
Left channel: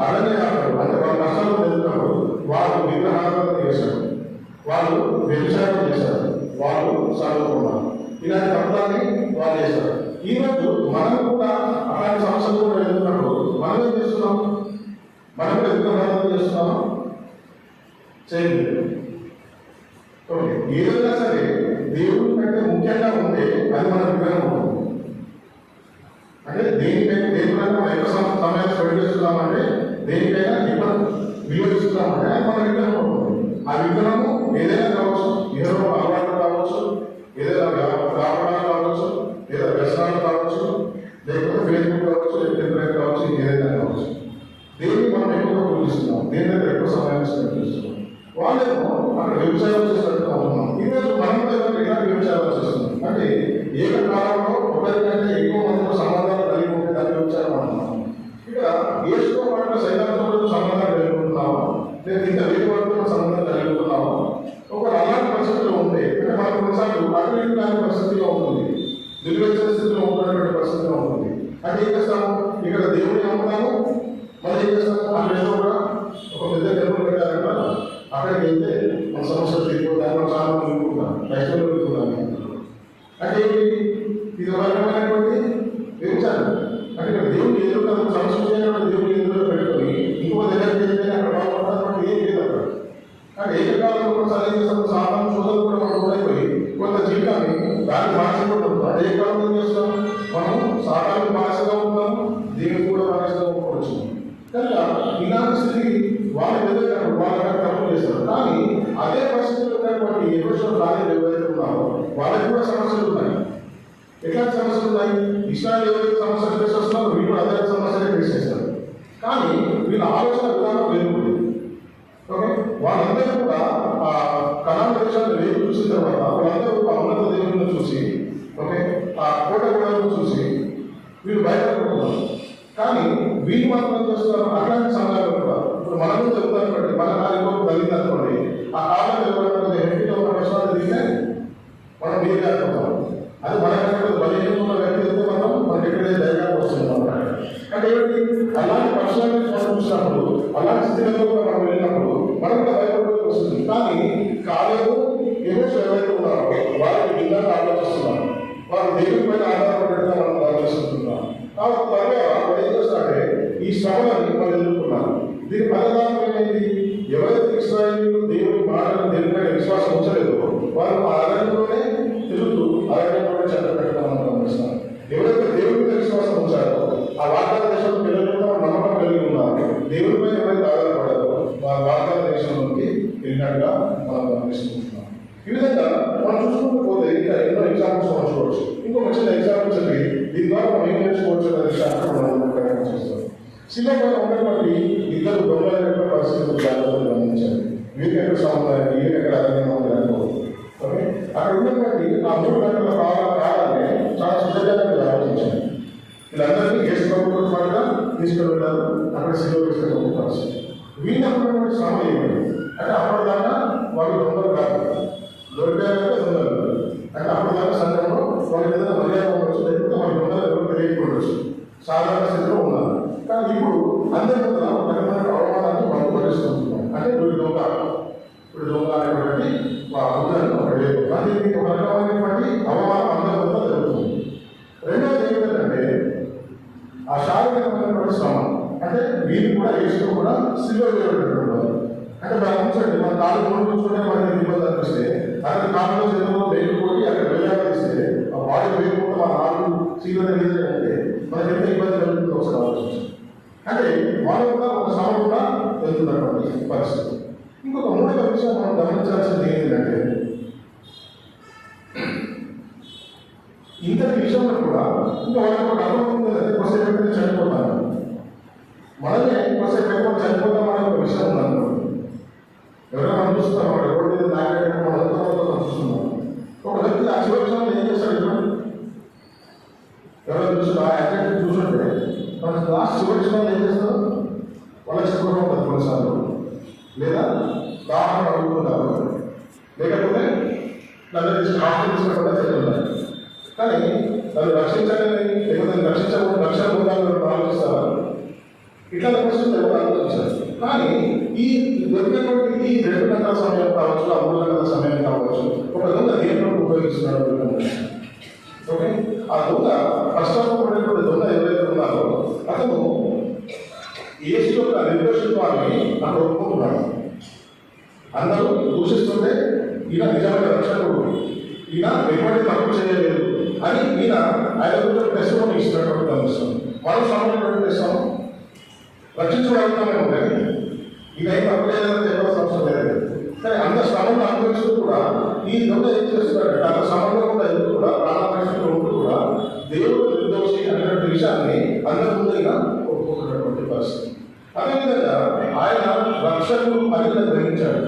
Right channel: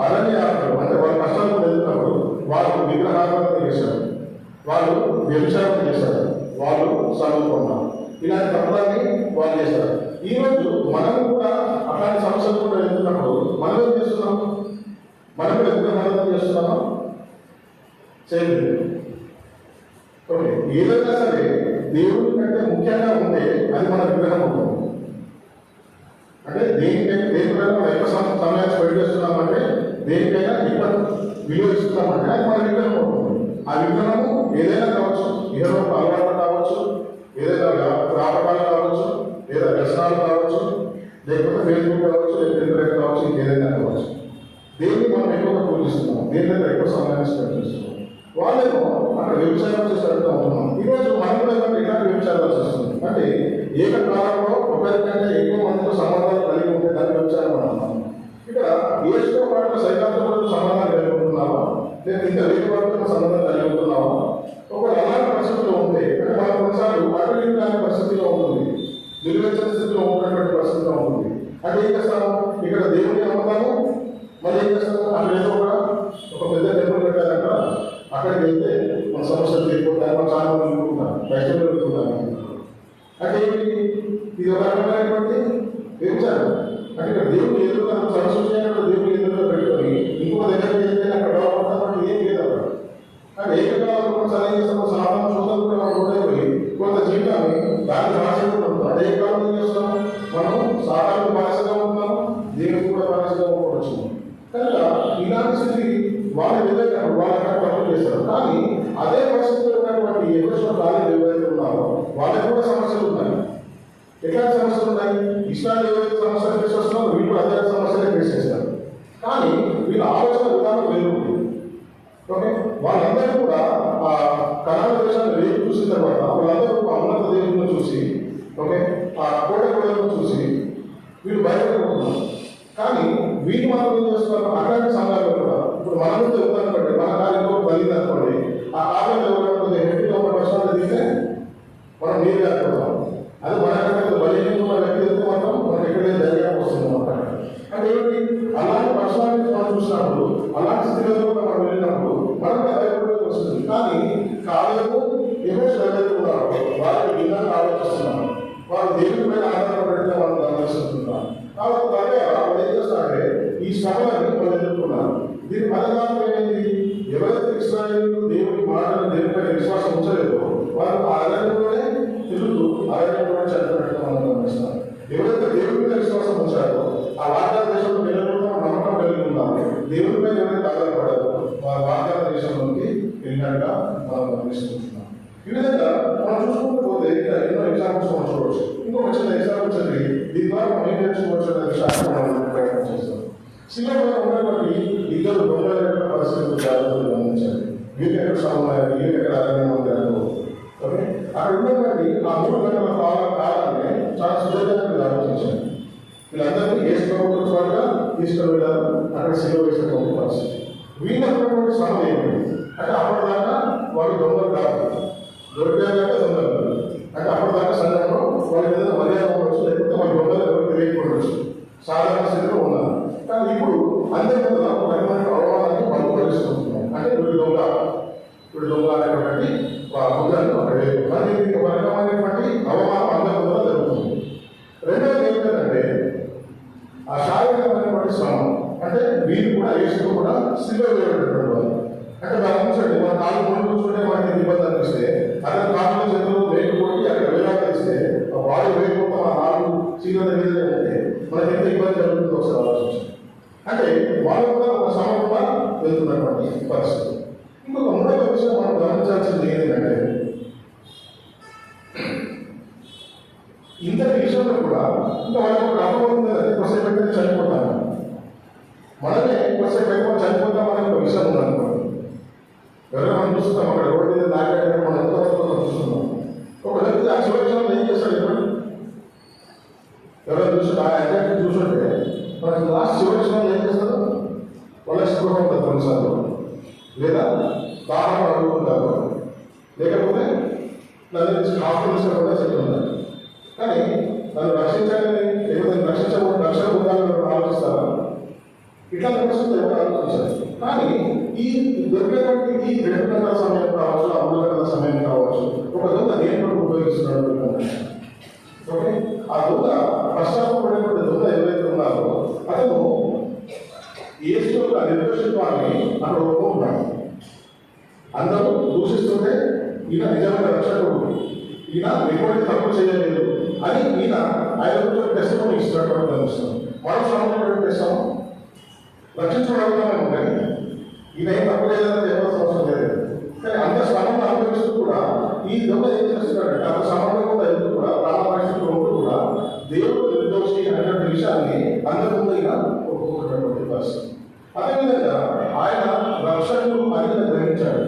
అరణ్యాలు అంటే వాళ్ళ కష్టాలు వెళ్తున్నప్పుడు వాళ్ళు విగ్రహారాధన చేశారు, వాళ్ళు వ్యభిచారం చేశారు, వాళ్ళు చదువుకున్నారు, ఇలాంటి తప్పులన్నీ వాళ్ళు చేశారు. ఈరోజు మనం కూడా అలాంటి సమస్యలు కూడా వెళ్తున్నప్పుడు మనం ఏం చేస్తున్నాం, మనం విగ్రహారాధన చేస్తున్నాం చేయలేదు. ఓకే, ఏదైనా సరే దేవుడి కంటే ముఖ్యంగా ఉంటే అది మన విగ్రహం ఉంటుంది. అంటే దేనికైనా మనం ఎక్కువ సమయం స్పెండ్ చేస్తున్నామంటే, దేనికైనా ఎక్కువ విలువ ఇస్తున్నామంటే అది మన విగ్రహం ఉంటుంది. ఆ విగ్రహము ఏదైనా కావచ్చు, ఏదో అలవాటు కావచ్చు, ఏదైనా వ్యాపారాలు కావచ్చు, లేదా వ్యసనాలు కావచ్చు, లేకపోతే ఫేస్బుక్ కావచ్చు, లేకపోతే ఇంటర్నెట్ కావచ్చు, ఇంకేదైనా కావచ్చు. దేన్ని మనం ఎక్కువగా పూజిస్తున్నాం, దేని దగ్గర ఎక్కువ సమయాన్ని స్పెండ్ చేస్తున్నాం. వాళ్ళేమో అక్కడ వ్యవసాయం చేసి అడుగుతా ఉన్నాం. ఈరోజు మనం ఇలాంటి వ్యవసాయాలు చేస్తున్నాం. అంటే ఏకకాలంలో ఒకరికంటే ఎక్కువ మందితో సంబంధాలు కలిగి ఉంటే దాన్ని వ్యవసాయం అంటున్నాం. ఇక్కడ ఏసుకో పాటు సైతాంతో సంబంధాలు కలిగి ఉంటున్నావా, లేదా ఇంకా వేరే వాళ్ళతో సంబంధం కలిగి ఉంటున్నావా? ఒక అలాంటి పరిస్థితిలో ఉంటే మనం కొన్నిసార్లు అటు కాని పరిస్థితిలో ఉంటుంది, దుర్గతిన స్థితిలో ఉన్నటువంటి పరిస్థితిలో ఉంటుంది. అంటే ఏం చేస్తాము, ఇక్కడ దేవుడిని నమ్ముతాము, మళ్ళీ ఏం చేస్తాము, అక్కడ కూడా ఒక పెద్ద టెంపుల్ పెట్టారంట, అక్కడికి వెళ్తే మన సమస్యలు తీరిపోతాయి, మనం చాలా మంది అనుకుంటాం, కష్టంలో పెట్టుకుంటాము. అంటే ఇది ఒక రకమైనటువంటి వ్యభిచారం. అంటే ఇక్కడ దేవుడు ఎదురుగా సంస్కృతి దేవుడు ఎదురుగా పెట్టుకొని ఇంకో దగ్గరికి వెళ్తే అక్కడ బాగుపడతాం, ఏం లేదు అక్కడ. కానీ ఏకకాలంలో కూడా సాధించేస్తాము, సాధారణ సోదరులు కూడా ఉండైపోయి కొంత జీవితాన్ని దాన్ని బాధ్యత ఉంటాం. అంటే ఏ కాలం ఏం చేస్తాం, మనం సాధారణ బాధ్యతగా ఉంటాం, దేవుడు కూడా బాధ్యతగా ఉండవచ్చు. కనుక ఇలాంటి స్థితికి వాళ్ళు వెళ్ళేటప్పుడు వాళ్ళ తప్పులు చేస్తారు. కానీ అదే పరిస్థితుల్లో ఉన్నటువంటి ఎవరు కాలేజీ ఎవరైతే ఉన్నారో వాళ్ళకి కూడా సమస్యలు ఉన్నాయి. ఎట్లాంటి సమస్యలు ఉన్నాయి, ఇస్రాయల్ ఎవరైతే సమస్యలు ఫేస్ చేస్తున్నారో వీళ్ళు అదే సమస్యలు ఫేస్ చేస్తారు. కానీ వీళ్ళ ఆలోచన విధానం వేరు. ఓకే, వాళ్ళందరూ కూడా ఆ కనాన దేశాన్ని వేరు చూసిన తర్వాత వాళ్ళందరూ ఉన్నత దేవుళ్ళను చూసి, ఓకే, ఆ కోట గోడలను చూసి వీళ్ళు బయటపడుతున్నారు. కానీ వీళ్ళు మాత్రం ఏం చేస్తున్నారు, అట్లాంటి సమయాలు కూడా ఇప్పుడు మనం చెబుతాను, మన కాలంలో కలిగింది అనుకోండి, ఆ కాలం ఎవరైనా హెల్తీగా ఉన్న ప్రశ్నలు దిగితే మనం మీరు కాకపోతాం. అది మన బలహీనంగా ఉన్న వ్యక్తి అయితే మనం మనకి ఎక్కడైతే ధైర్యాన్ని వస్తుంది అనమాట. అంటే ఏంటి, అలాంటి ప్రశ్నలు మనం వచ్చినప్పుడు, అలాంటి స్థితిలో మనం వెళ్ళినప్పుడు మనం కూడా భయపడవలసి వస్తుంది. కానీ కాలేబు యెహోషువ ఎవరైతే ఉన్నారో వారు భిన్నంగా ఆలోచిస్తున్నారు. వారు దేవుని పైన ఆధారపడినట్టుగా మనం ఆలోచిస్తున్నారు. కాబట్టి త్వరగా వాళ్ళు ఏం చేస్తారంటే ఈ శ్రమని వాళ్ళు ఎదుర్కొన్నారు. దీని ఫలితాలు ఏంటి? ఎవరైతే ఇశ్రాయేలు దేవుని మాటలు దేవునిపైన విశ్వాసం ఉంచలేదో వారు ఆ అరణ్యంలోనే తిరుగుతూ అరణ్యంలోనే చనిపోయినట్టుగా మనం గమనిస్తాం. ఎవరైతే దేవుని మీద విశ్వాసం ఉంచారో ఆ వాగ్దాన దేశంలో వెళ్ళకుండా నమ్మకం కలిగి ఉన్నారు, దేవుని మీద ఎవరైతే ఆధారపడారో వారి వాగ్దాన దేశంలోకి వెళ్ళినట్టుగా మనం గమనిస్తున్నాం. ఈ విధంగా మనం చూసుకుంటూ పోతే ఇంకా ఎన్నో ఎగ్జాంపుల్స్ మనం చూడవచ్చు. ఇంకొక చిన్న ఎగ్జాంపుల్స్ అండి, దీని ద్వారా మనం ఏం నేర్చుకోవచ్చు అనే శాస్త్రం మనం ప్రయత్నం చేస్తాం. సినిమాలో ఉన్నటువంటి ఇద్దరు దొంగలైన పరిస్థితులు జాగ్రత్తలు గమనించాలి. వీరికి ఎక్కడ సమయం, వీరికి ఎక్కడ అర్థంగా ఉంది అనుకోవచ్చు. ఓకే, అక్కడ ఉన్నటువంటి ఆ 3 గంటల కాలాన్ని చాలా సుజాగ్రత్తగా ఆలోచించాలి. వీళ్ళందరినీ యేసు ప్రభువుతో పాటుగా తీసుకుని వెళ్ళారు. అక్కడ సిలువ వేసుకునే పరిస్థితి. వీళ్ళకున్నటువంటి సమయం ఏమిటి అంటే అప్పటిదాకా వాళ్ళు దొంగలు కాదు, దొరికాక దొంగలు అంటే అప్పటిదాకా సంఘంలో వాళ్ళ ఏదైనా మర్యాద ఉండొచ్చు, లేకపోతే వాళ్ళ దొంగలు ఎవరు తెలియకపోవచ్చు, సాధారణ స్థితిలో ఉన్నారు. కానీ ఇప్పుడు అందరికీ ఒక రకమైన అవమానాన్ని పంపుకొనిస్తున్నాం. అంటే వీడు దొంగ అనేటువంటి హృదయాన్ని అక్కడ లేదు. కానీ ఇది ఒక రకమైనటువంటి అవమానం అందరి కూడా జరుగుతుంది. రెండోది ఏంటంటే ఆ శారీరకమైనటువంటి శ్రమ. అంటే వీళ్ళు కూడా యేసుతో కూడా సిలువ వేయబడినటువంటి వాళ్ళు. అంటే మనం ఉంచండి, మన కాలు ముందు చూడడం మనకి ఇబ్బంది అనిపిస్తే అక్కడ కాళ్ళు చేతులు వేయకపోయి అక్కడ వేలాడిస్తే ఆ బాడీ వేయకుండా మన నాలుగు సిలువ అంటే మనకి ఎంత ఇబ్బంది జరుగుతుందో ఒకసారి ఆలోచించాలి. అంటే వాళ్ళు కూడా ఒక శ్రమ కూడా వెళ్తున్నటువంటి పరిస్థితి. ఇంకొక మూడవ విషయం మనం గమనించాల్సింది ఏంటంటే ఇంతటి విషయంలో కూడా ఇంకా వాళ్ళకి ఒక అనుభవం ఉందంటే కొద్దిసేపు ఎక్కడ చనిపోతాను, మనమే కొద్దిసేపు ఎక్కువ చనిపోతామని ఒక విషయం ఉందనుకోండి. ఎవరైనా మనం చూస్తున్నాం, అక్కడ రోడ్డు మీద నాగేట మనం ఎంతో చూస్తున్నాం. ఒక వ్యక్తి ఆ చివరి విషయంలో ఏం చేస్తాడు? ఎవరైనా చూసి ఆ యాక్సిడెంట్ చూసుంటే మన లాస్ట్ చివరి విషయంలో ఏం చేస్తారు? వాళ్ళ స్కూల్ ఉంటుంది కొన్నిసార్లు, లేదా దాహం అడుగుతుంటారు, లేకపోతే దాన్ని హాస్పిటల్స్ కూడా చెప్తున్నారు. కానీ దాన్ని రక్షించాలని లేకపోతే రక్షించకుండా రక్షణ పొందాలని ఆలోచిస్తారా? ఇట్లా పరిస్థితులు ఎవరు ఆలోచించారు. కానీ ఈ దొరికినటువంటి ఈ 2 గంటల సమయం కావచ్చు, ఆ 3 గంటల సమయం కావచ్చు, ఒక దొంగ దేంట్లో ఉపయోగిస్తున్నాడు. ఓకే, ఆ దొంగ కష్టపడినటువంటి దొంగ ఎవరైతే ఉన్నారో అతను యేసు యొక్క నిర్దోషత్వాన్ని అక్కడ ఒప్పుకుంటున్నాడు. అందరూ దూషిస్తుంటే ఈయన నిజమైన రక్షకుడు, ఈయన ఎటువంటి తప్పు చేయలేదు అని ఈయన ఆయన గురించి టెస్టిమోనీ ఇస్తున్నటువంటి గమనిస్తాం. మనం సమయం చేస్తాం, రక్షించబడతామే ఉంటాయి, ఈయన ఏం తప్పు లేదని చెప్పాల్సిన అవసరం లేదు. కానీ అంత శ్రమను అనుభవిస్తూ కూడా ఈ దొంగ ఏం చేస్తున్నాడంటే అంత శ్రమంలో కూడా ఎందుకు కూడా ప్రాణ పరిస్థితులు ఉంటూ కూడా దేవుడు నిర్దోషి అనేటువంటి విషయాన్ని అందరి ఈయన ఒప్పుకుంటున్నటువంటి పరిస్థితి. అదేవిధంగా ఆయన రక్షకుడు అని గ్రహించాడు.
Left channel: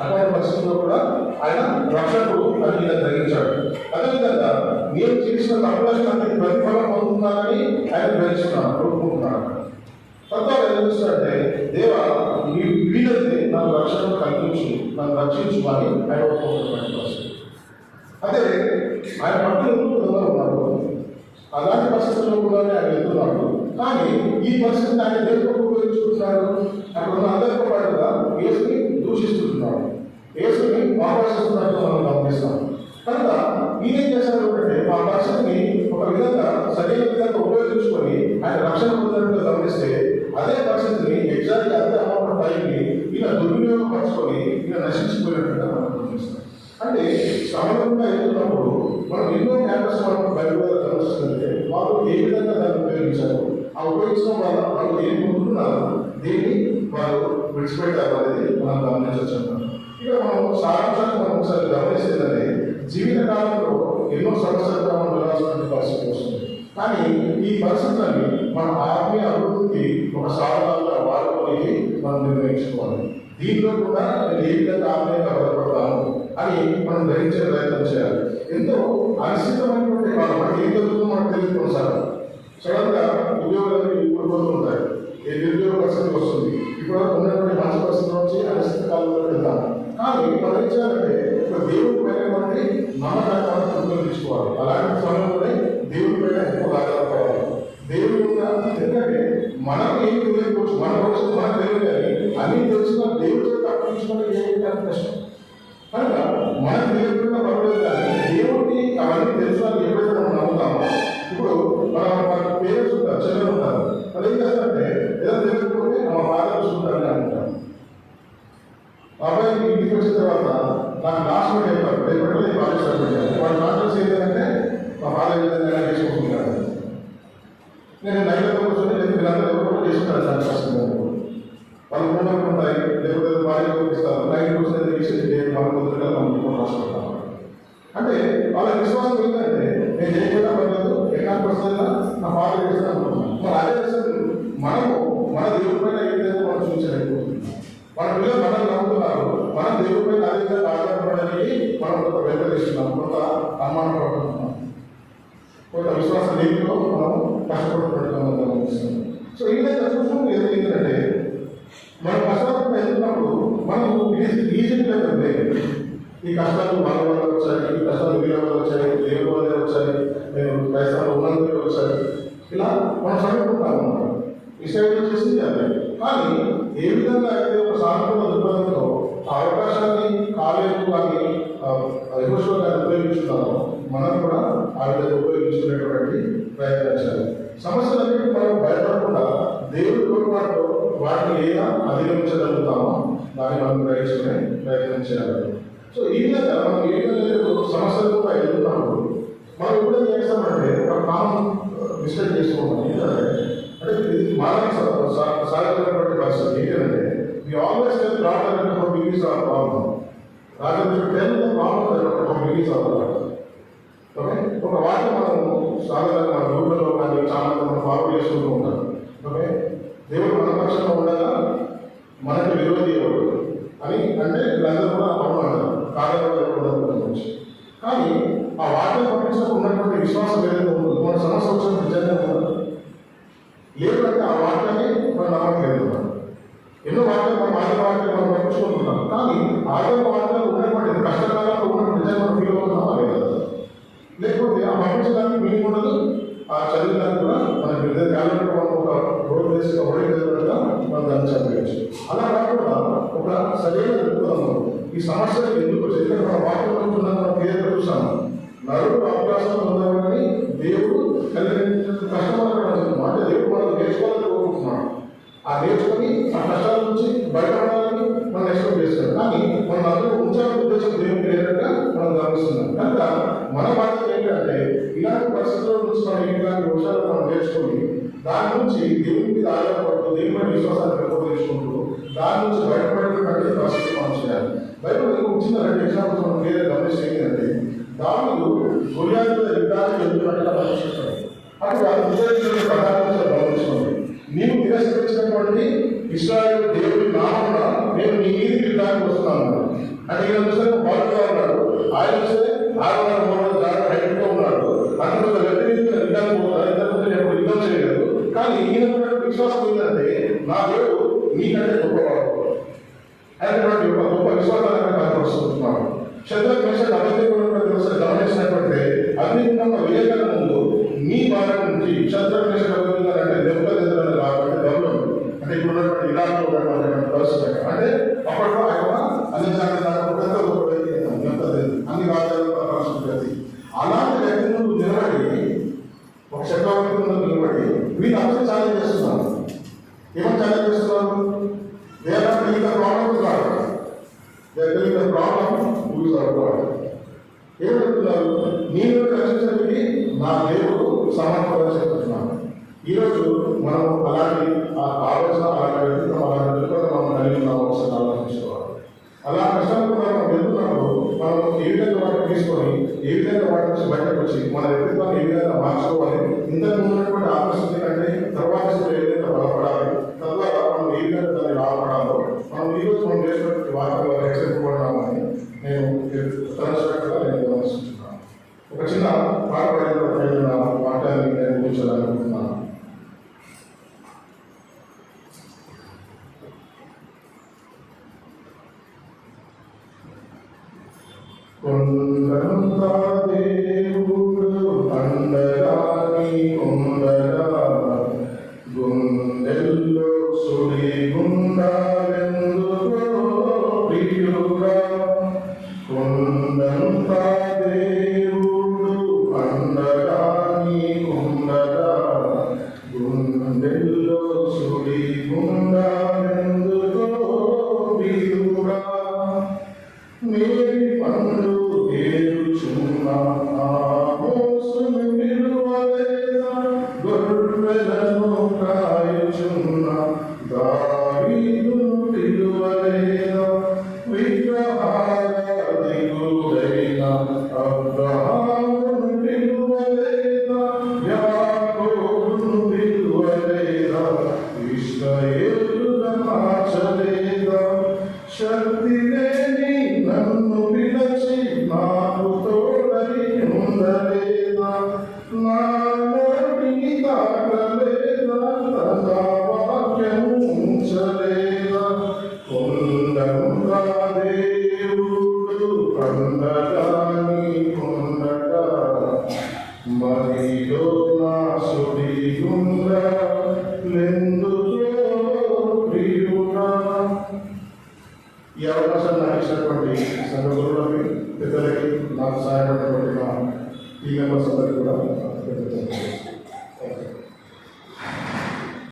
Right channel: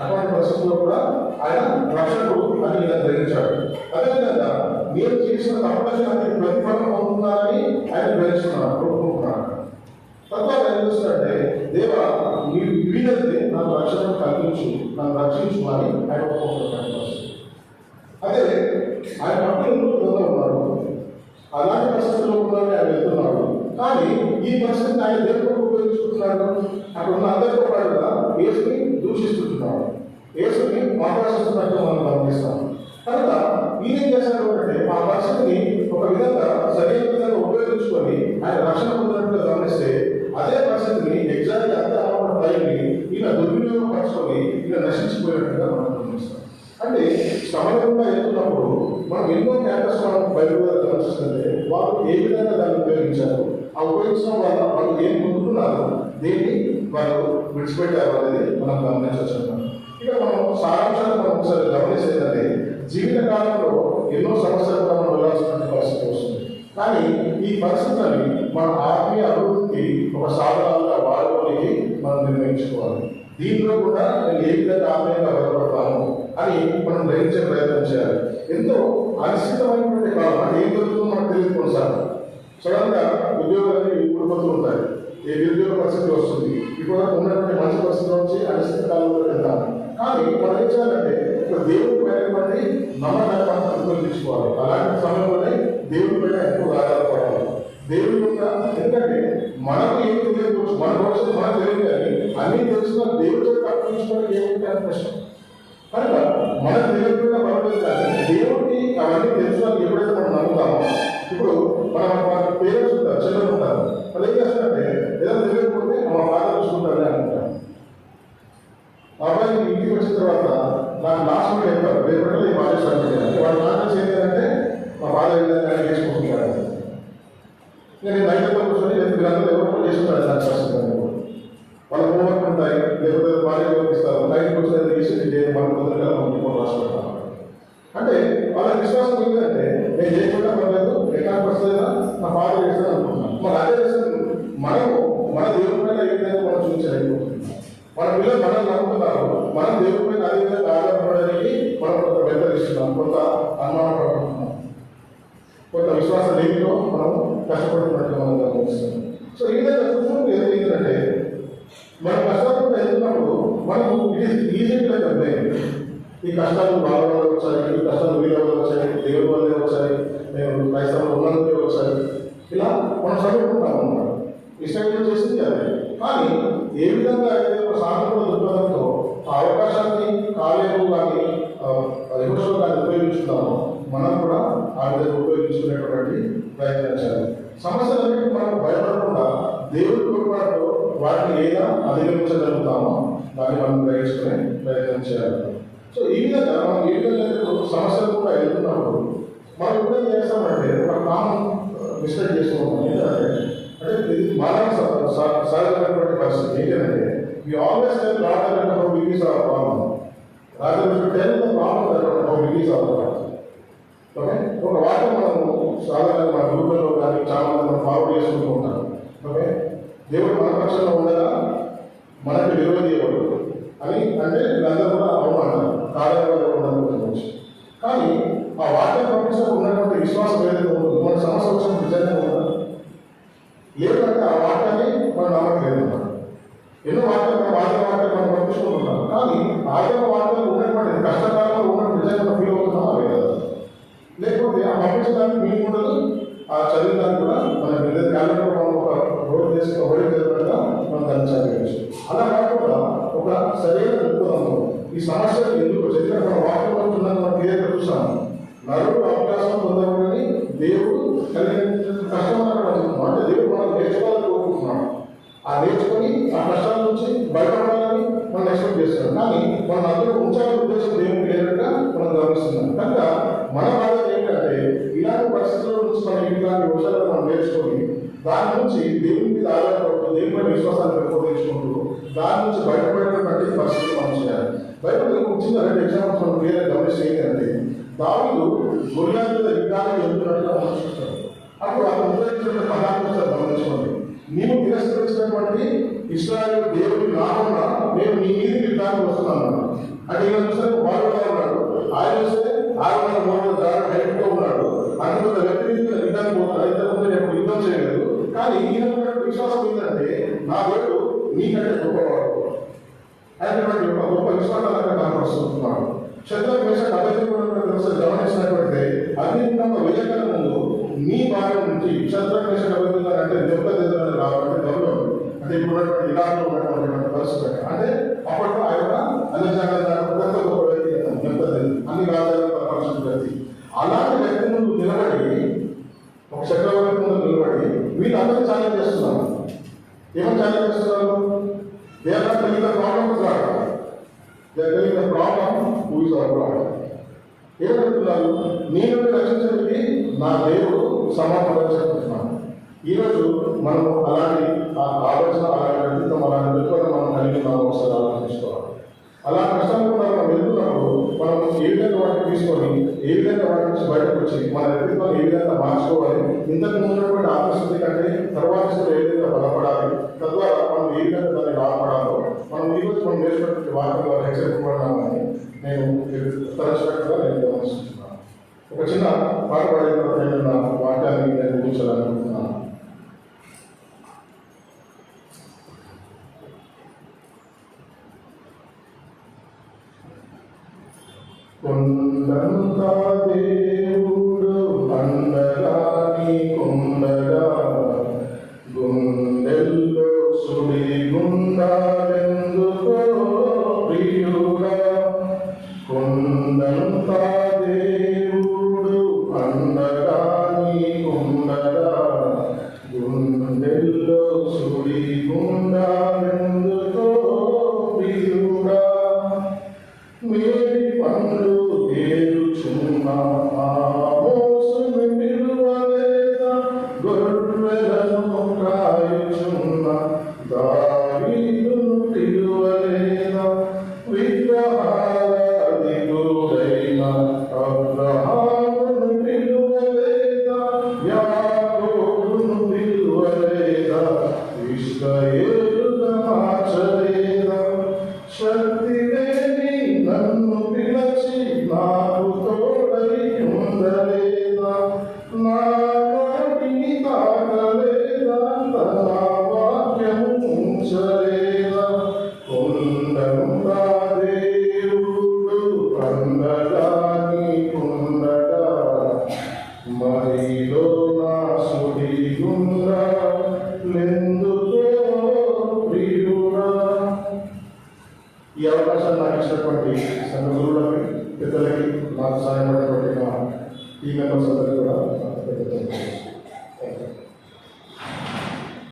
అటువంటి పరిస్థితుల్లో కూడా ఆయన రక్షకుడు అని ఈయన గ్రహించాడు. అదేవిధంగా నేను చేసిన తప్పులకి నాకు ప్రతిఫలం పొందుతున్నానని ఆయన గ్రహిస్తున్నాడు, ఒప్పుకుంటున్నాడు. తత్వాలు ఏం చేస్తాడంటే దేవా నీ వీలైతే నాకు రక్షణ కల్పించు, నన్ను రక్షించు అని ఆయన ఒప్పుకుంటున్నటువంటి పరిస్థితి. అదే ఆయన పట్టుదల ఉన్నారు, అలాంటి పరిస్థితుల్లో కూడా ఆయన వెళ్తున్నాడు. కానీ ఈ పరిస్థితిని ఆయన దేనితో ఉపయోగించుకుంటున్నాడు? అక్కడ ఉన్న అందరితో పాటుగా యేసుని దూషిస్తున్నాడు, యేసుని ఆకర్షిస్తున్నట్టు మనం గమనిస్తాం. కనుక ఈయన చేశారు అంటే ఆ పరిస్థితిని ఒక విధంగా సరైన విధంగా ఉపయోగించుకొని ఆయన రక్షణ పొందినట్టుగా గమనిస్తే అదే పరిస్థితిని ఎగ్జాక్ట్లీ అంతే అమౌంట్ టైంని ఈయన దుర్వినియోగపరచుకొని ఈయన నశించిపోయినట్టుగా మనం గమనిస్తాం. అంటే సమయంగా వెళ్తున్నప్పుడు మనం ఎన్నో క్యాంపస్ మనం బయలుగా గమనిస్తుంటే వాళ్ళు ఏ విధంగా దాన్ని ఉపయోగించారు, ఆ ఉపయోగించడం వల్ల వాళ్ళు ఏం పొందుతున్నారు, దేన్ని వాళ్ళు విడిచిపెట్టారు అనేది మనం గమనించవచ్చు. ఇక్కడ మనం సారాంశాన్ని మనం ఒకసారి గమనిస్తేందంటే జీవిత కాలంలో ఎన్నో సమస్యలు మనం వెళ్ళాల్సిన పరిస్థితి వస్తుంది. కానీ ఈ పరిస్థితులని మన ఆత్మీయ అభివృద్ధికి ఒక సాధనాలుగా వాడుకోనికి మనం నిర్ణయించుకోవాలి. దీంట్లో కూడా నేను ఏ విధంగా ఆత్మీయంగా బలపడతాము అని మనం గ్రహించే ప్రయత్నం చేయాలి. ఎంతో అనిశ్చితమైనటువంటి కాలం, అంటే ఏం జరుగుతుందో మనకు తెలియదు. సార్ సడన్గా ఉద్యోగాలకి ఇప్పుడు ఉంటాయి, ఏ నిరుద్యోగ పరిస్థితి వస్తుంది, ఇప్పుడు ఉన్నటువంటి మంచి పరిస్థితి నుంచి అనిశ్చిత కాలంలో వెళ్తాం. కానీ మనం ఏం చేయాలంటే దేవుడి పైనటువంటి నమ్మకాన్ని ఉపయోగించుకోవాలి. అలాంటి సమయంలోనే దేవుడి పైన ఎక్కువ ఆధారపడాలి. దేవుడి యొక్క ఎందుకంటే మనకు ఏం తెలియకపోవచ్చు, మనం భవిష్యత్తు మనకు తెలియదు కానీ అన్నీ తెలిసిన దేవుడితో తప్పించుకుంటే ఏమిటి అని కష్టం. కనుక మనకు తెలియకుండా పర్లేదు కానీ దేవుడికి అవన్నీ తెలిసినాక ఎప్పుడైతే మనం నమ్ముతామో, ఇప్పుడు మన పేరెంట్స్ ఉంటారు, చిల్లర ఉంటారు, వాళ్ళు ఏం చేస్తారంటే ఏదైనా తెలియకపోతే మా ఫాదర్ చూసుకుంటారని అనుకుంటారు. మా అబ్బాయి ఇంటికి వచ్చిన తర్వాత నాకు లాస్ట్ మంది చెప్తారు, రేపటి నేను బాధిస్తాను. వాళ్ళ నాన్న ఏంటంటే మా ఫాదర్ ఏదైనా తీసుకుంటున్నారు. నేను నైట్లో కూర్చొని నేను మీరందరూ ఎవరు చేసుకుంటారు దాని కష్టం. వాళ్ళ హోంవర్క్ ఉంటాయి, లేకపోతే భార్య ఇస్తారు, నైట్ కూర్చొని చేసి మన పొద్దుగా మనం రాసుకుంటాం. అంటే వాళ్ళ విశ్వాసం ఏంటంటే నేను చేయకుండా పర్లేదు, ఎకాంత వస్తుందిగా నా ఫాదర్ చేస్తాను అనుకుంటున్నాను. మరి అదే విషయం మనము మన దేవుడి పైన ఏదైతే మనం చూపించలేకపోతున్నాం. మన పిల్లలు మనం నమ్ముతున్నారు, మనం దేవుడి పైన అదే విధంగా ఆధారపడడానికి మనం కొంత వెంటరిస్తున్నాం, కొంత అనుమానం పడుతున్నాం, కొంత విశ్వాస లేనిలో మనం కష్టపడుతున్నట్టుగా మనం గమనిస్తున్నాం. సో ఈ విధంగా చూసినప్పుడు ఏంటంటే మన కష్టాలు ఎదుగుతున్నప్పుడు మనం ఈజీగా లేదు. ఈ కష్టాలు మన వల్ల వచ్చాయి, ఈ కష్టాలు వీళ్ళ వల్ల వచ్చాయి, దేవుడి వల్లే వచ్చాయి, నేను క్రైస్తవులు ఉన్నందుకే వచ్చాయి, ఇలా మనం చదువుకుంటాం అన్నమాట. ఇష్టం చేసింది అదే. కానీ ఏ విధంగా అయితే ఒక సానుకూల దృక్పథంతో ఆ అవకాశాన్ని కాలేజీ కానీ యహోషువ కానీ ఉపయోగించున్నామో మనం కూడా ఆ విధంగా ఉపయోగించుకునేటువంటి ప్రయత్నం చేయాలి. సమస్యలన్నింటినీ మనం భయపడకుండా దేవుడి తోడ్పాటుతో వాటిని ఏదైనా అధిగమించగలుగుతామో దాన్ని మనం గ్రహించుకునే ప్రయత్నం చేయాలి. సో ఈ విధంగా మనం ఏ విధంగా సమస్యలు కూడా ఎదుర్కొన్నప్పుడు మనం ఎప్పుడేం చేస్తామంటే ఒక కామన్ మిస్టేక్ చేసుకుంటాం. ఏంటంటే ఇది మానవ సహజమైనటువంటి పరిస్థితి. ఏంటంటే we always tell God that how big is our problem. Rather we should tell the problem that how big is our problem. Okay, ఒక వాక్యం మనము సాధారణంగా మన గ్రూపులలో కానీ చాలా మంది మనం ఫార్వర్డ్ చేసుకుంటూ ఉంటాం. ఓకే, దేవుడు మన పక్షంలో ఉండగా మనకు విరోధి ఎవరు అని అంటే వీళ్ళందరూ కూడా అవును అంటారు, కారణంగా ఉండవచ్చు. కానీ ఆ వాక్యం పక్షంలో ఉన్నటువంటి విశ్వాసం ఏదైతే ఉంటుందో మన సమస్య వచ్చిన నిజంగా ఉండదు. లేదంటే ఆ వాక్యాన్ని మనం నమ్మట్లేదు. ఎన్నో వాక్యాలు మనం వాక్యాలు మనం పంపించుకుంటున్నాం, కానీ ఆదరణ వాక్యాలు ఉన్నటువంటి కష్టకాలంలో ఉన్నటువంటి నిజంగా మనం ఫీల్ అవుతున్నాం అదే కదా. లేకపోతే ఆ పంపించడానికి మీకు ఉండదు, ఆ చదివడానికి కూడా మన పెద్ద కాలంలో మనం ఒక రోడ్ వేసి రోడ్ ఎదురుగా మనం దాన్ని చదివచ్చు. అలా కాకుండా ఒక సరైన దృక్పథంలో ఈ సమస్యలు ఎందుకు చెప్పిన మన వాక్యం ఉంటుందని మనం క్లియర్గా చూసాము. నలుగురు అవకాశం పొందవాలని దేవుడు కష్టం అంటే దేవుడు మనం నేర్చుకోవాలని కోరుకుంటున్నాడు. ఆ నేర్చుకొని ఆ కష్టాల నుంచి బయటపడాలని మనం ఎక్స్పెక్ట్ చేస్తాం. కానీ మనం అందరూ ఉంచాలని ఉద్దేశం దేవుడికి లేదంటే మనం గమనిస్తున్నాం. కనుక మన బాధ్యత ఏంటంటే ఇలాంటి పరిస్థితుల నుంచి మనం ఇలాంటి విషయాలు మనం నేర్చుకొని దాని నుంచి దేవుడి మీద ఆధారపడుతూ దేవుడి మీద విశ్వాసాన్ని పెంపొందించుకుంటూ దాని నుంచి బయటపడేటువంటి పరిస్థితులు మనం చేయాలి. బయట వచ్చిన 2 ఎగ్జాంపుల్స్ మనం వేరే గమనిస్తే ఏంటంటే దావీదు గొలియాతుతో యుద్ధానికి వెళ్తున్నట్టుగా ఆలోచిస్తాడు. అప్పుడు ఆ ఉదయించిన పదార్థాలు గమనించుకోండి. నీవు తిరస్కరించినటువంటి ఇశ్రాయేలు దేవుడి నామమున నేను నీ మీదకి యుద్ధానికి వస్తున్నాను అంటే ఈయన చూస్తే బాలుగా ఉన్నాడు, ఆయన చూస్తే 600 దాడి హైట్తో ఉన్నాడు. అందులో వ్యక్తి మీద యుద్ధానికి పోతాడు, ఇంతకుముందు ఎప్పుడు యుద్ధం చేయలేదు. కానీ ఈయన విశ్వాసం ఏంటంటే నా దేవుడు నీకంటే గొప్పవాడు అనేటువంటి ఒక గొప్ప విశ్వాసాన్ని కనపరుస్తున్నాడు. శత్రువు విషయాలు అభివృద్ధి గమనించినటువంటి అభివృద్ధి వేయగల ముందు మీ భాగం నుంచి శత్రువు విషయాలు అభివృద్ధి అంటే దెబ్బతిద్దడం కాబట్టి గౌరవం అంటే ఇప్పుడు ఉన్నటువంటి ఇలాంటి ఉన్నటువంటి పరిస్థితి అంటే అప్పట్లో ఆయన అన్ని అన్ని రాజ్యాలు పరిస్థితి అలాంటి వ్యక్తి ముందు నిలబడి ఒక చక్రవర్తి ముందు నిలబడి వీళ్ళు అందరూ ఛాలెంజ్ చేస్తున్నారు. ఏమని ఛాలెంజ్ చేస్తున్నారు? They are not telling the problem to God, they are telling the problem who is our God. ఏమంటున్నారు? నేను రక్షించడానికి నా దేవుడు సమర్థంగా చెప్తున్నాను. ఈరోజు మనం అలాంటి ఆలోచన అలాంటి వ్యక్తిత్వం అలాంటి దృక్పథం మనం కలిగి ఉన్న అవసరం ఆలోచించుకోవాలి. అలా కష్టంలో మనం వెళ్తున్నప్పుడు మనం ఏ విధంగా వాటిని తీసుకొని ఏ విధంగా వాటి నుంచి బయటకు వచ్చి మన వ్యక్తిత్వాన్ని ఏ విధంగా మార్చుకోవాలి, ఇంతకు ఉన్నటువంటి ఆకర్షణ కంటే తర్వాత ఏ విధంగా బలపడాలి, తద్వారా మనం ఏ విధంగా దాన్ని లాభపడాలో మనం ఈరోజు మనం చేసినటువంటి వాక్యంలో హెచ్చరించబడినామని నేను తరచుగా నేను గమనిస్తున్నాను. ఒక చిన్న పాట పాడిన తర్వాత వాక్యాన్ని నేను కూర్చోాలనుకుంటున్నాను. కొండంతా దేవుడు పండగాని కొండగా గుండెల్లో సుడి గొర్రెలను కాయుచున్న దావీదును పిలువలేదా? విగ్రహారాధికుడైన అబ్రహామును పిలువలేదా? యాకోబును పిలువలేదా? ఇశ్రాయేలుగా మార్చలేదా? శక్తి లేని నన్ను పిలచి నాకు తోడై ఉండలేదా? నా నోటిని తాకలేదా? తన వాక్యము ఉంచలేదా? కొండంగా దేవుడు పండగా నీకుండగా మరిలో నా సుడి గుండా లెందుతో ప్రియుడా. ఈ అవకాశాన్ని నాకు ఇచ్చినటువంటి సంఘ గురువులకి, పెద్దలకి, నాకు సహాయపడినటువంటి మా ఈ మెంబర్స్ అందరికీ